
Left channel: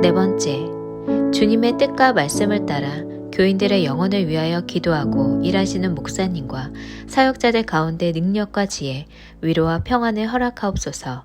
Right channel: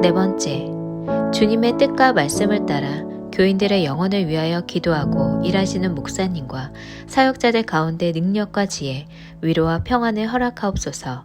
네 번째, 주님의 뜻과 말씀을 따라 교인들의 영혼을 위하여 기도하고 일하시는 목사님과 사역자들 가운데 능력과 지혜, 위로와 평안을 허락하옵소서.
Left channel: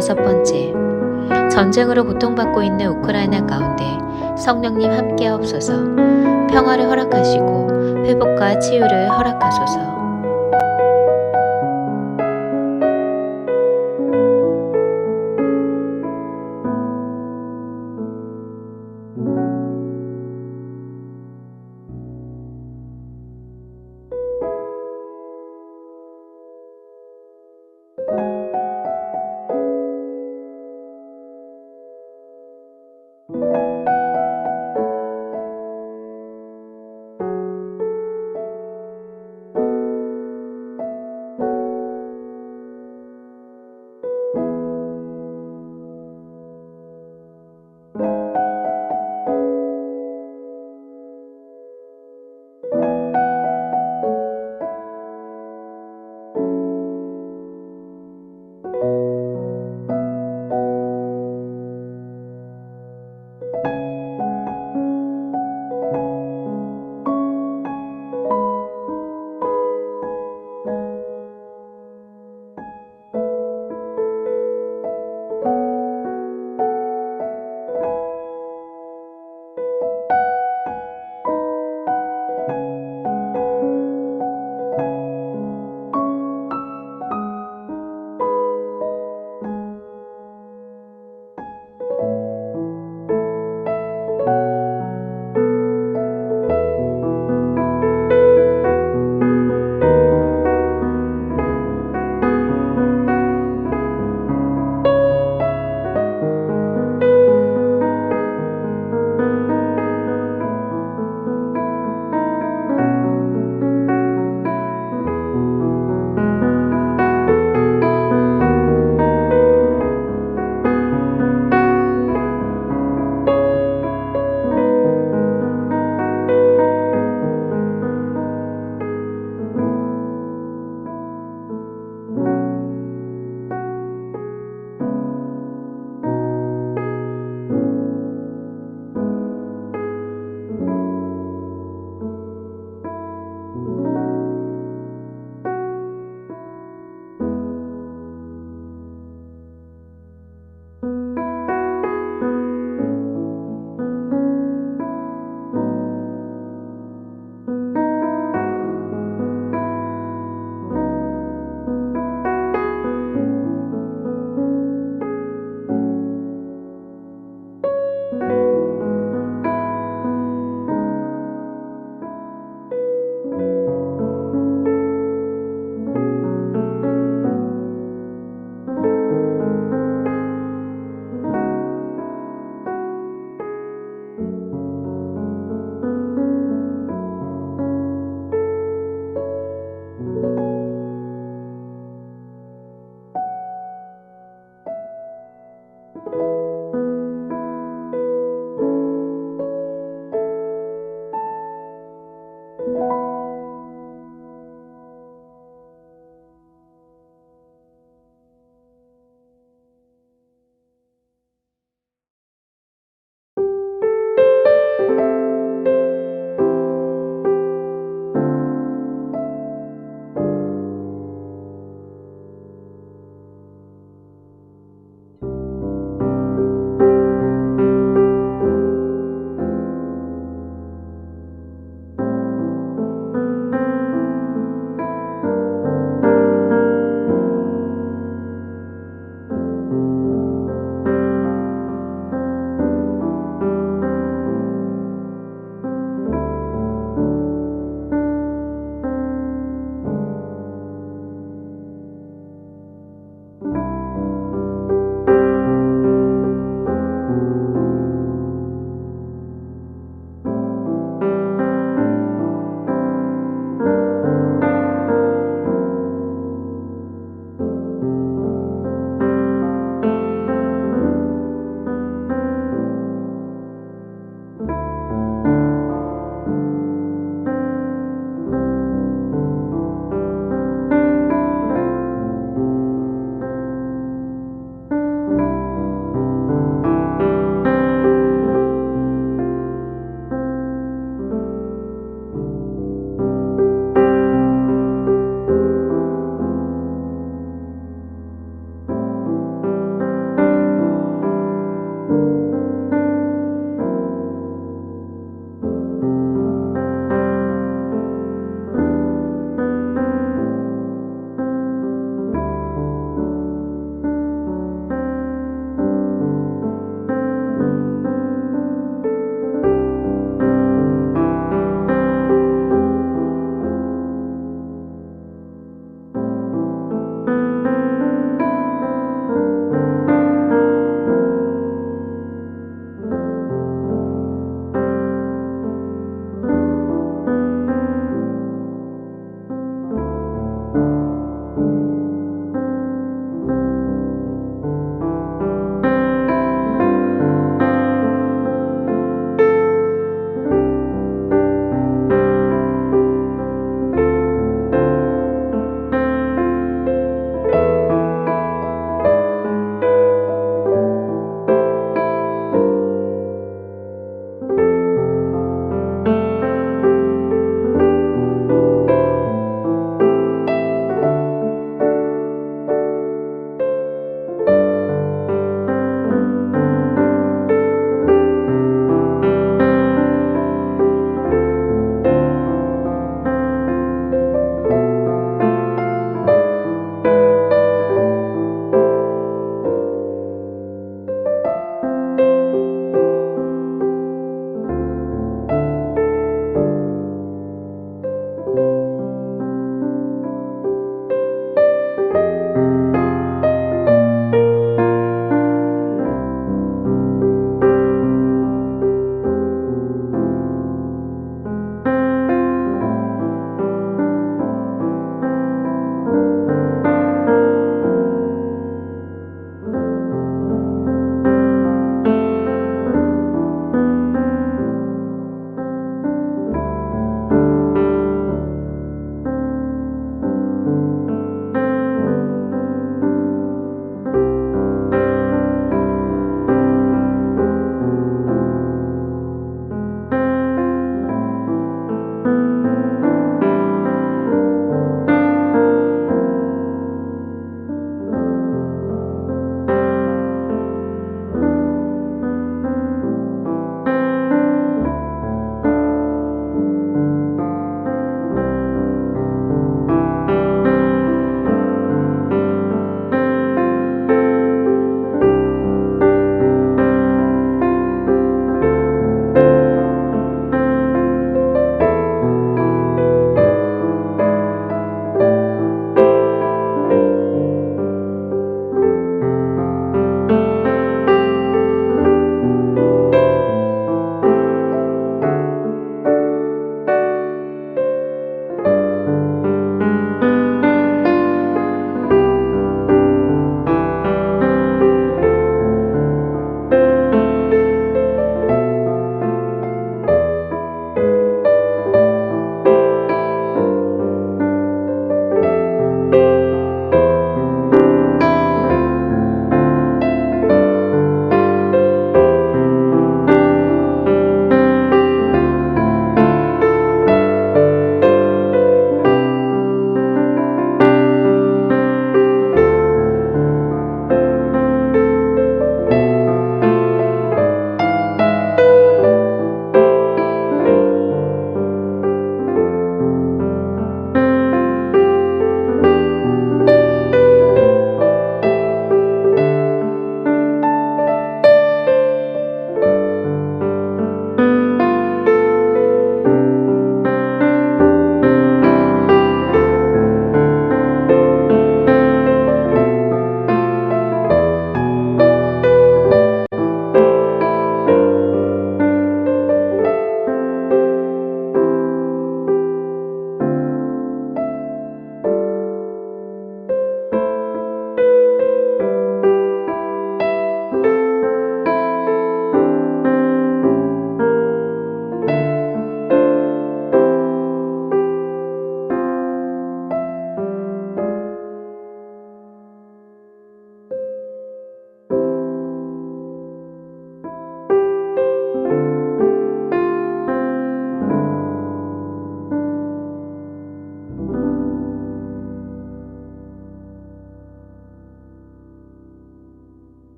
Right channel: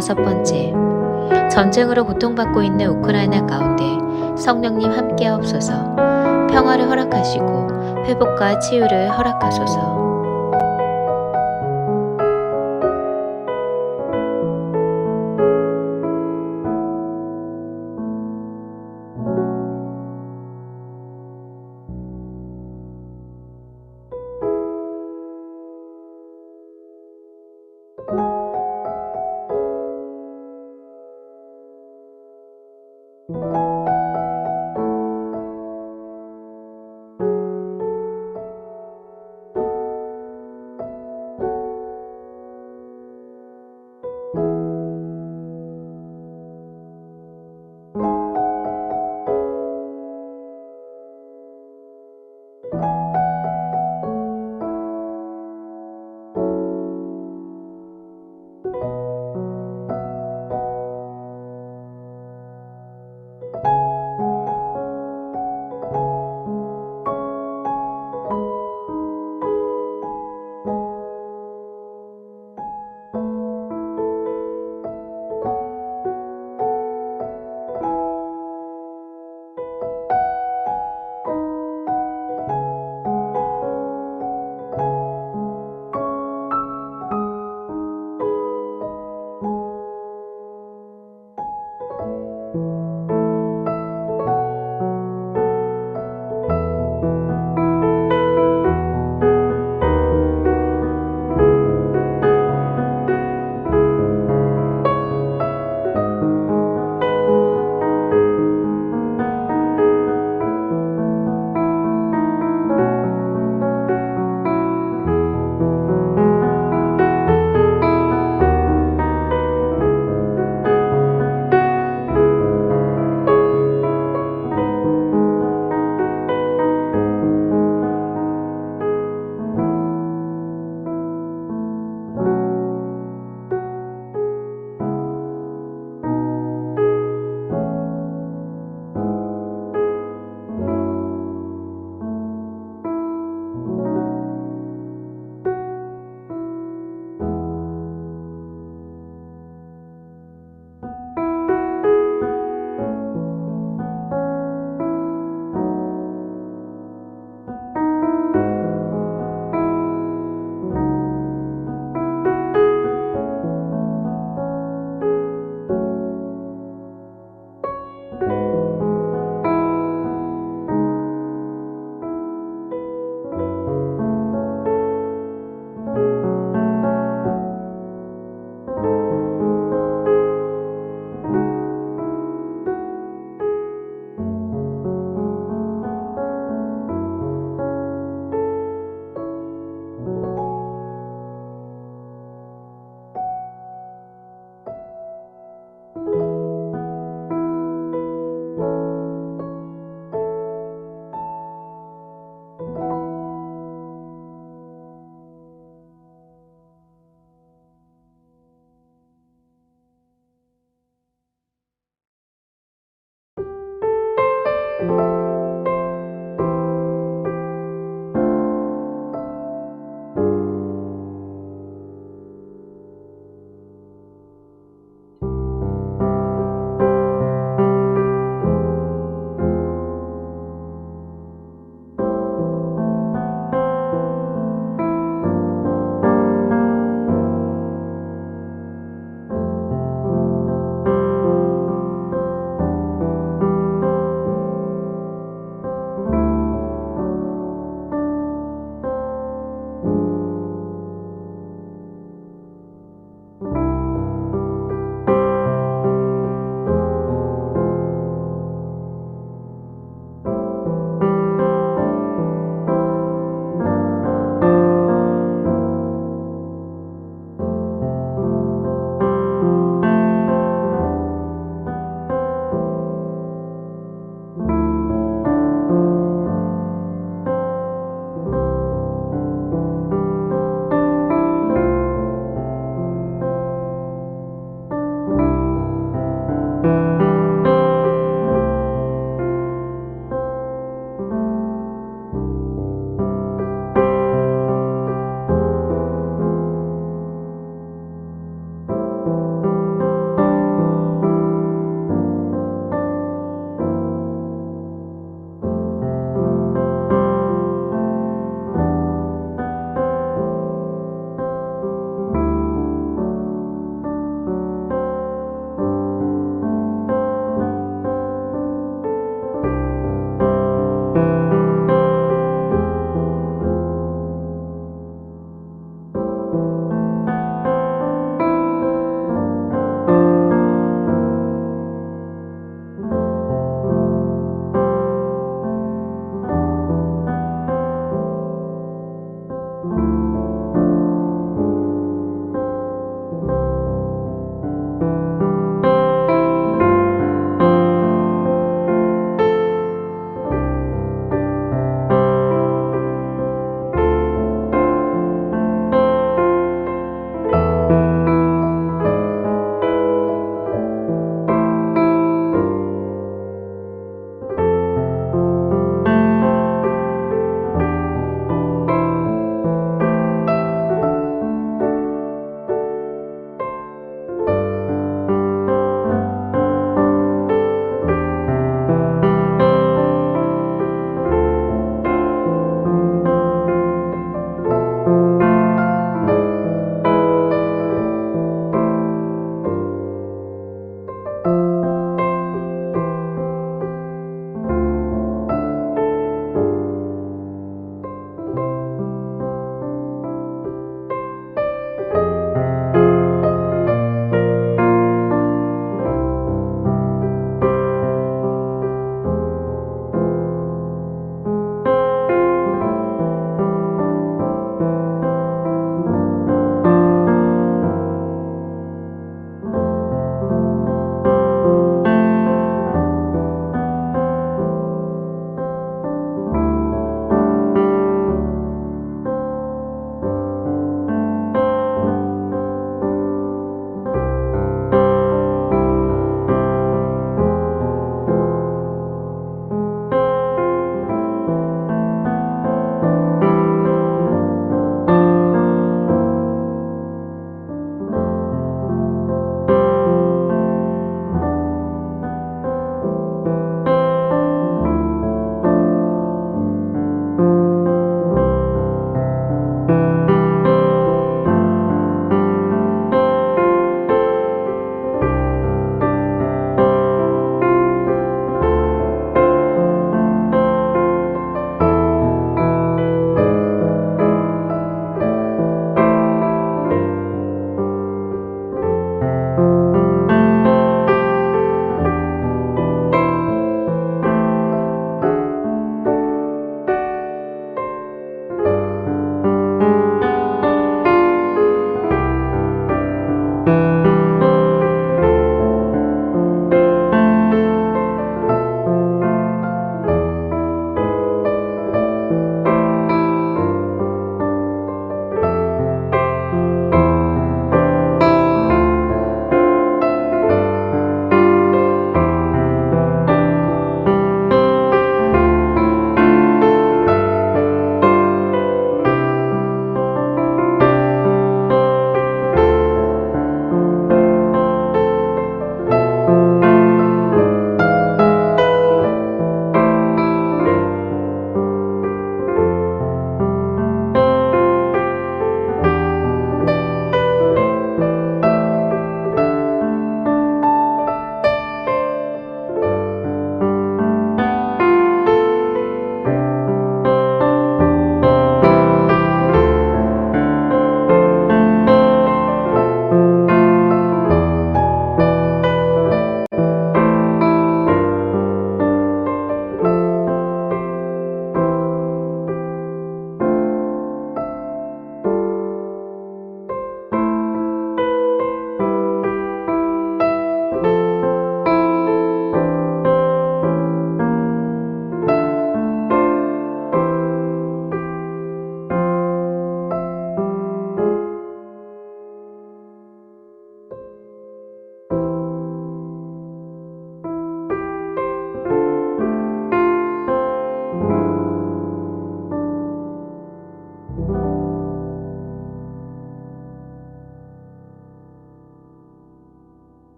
5번째, 전쟁으로 고통받고 있는 우크라이나 가운데 성령님 함께하옵소서. 평화를 허락하시고 회복과 치유를 허락하소서.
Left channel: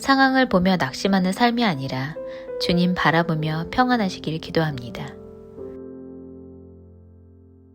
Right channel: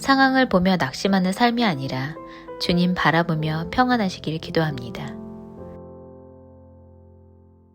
상황을 보며 낙심하는 삶이 아니라 주님 바라보며 평안하시길 기도합니다.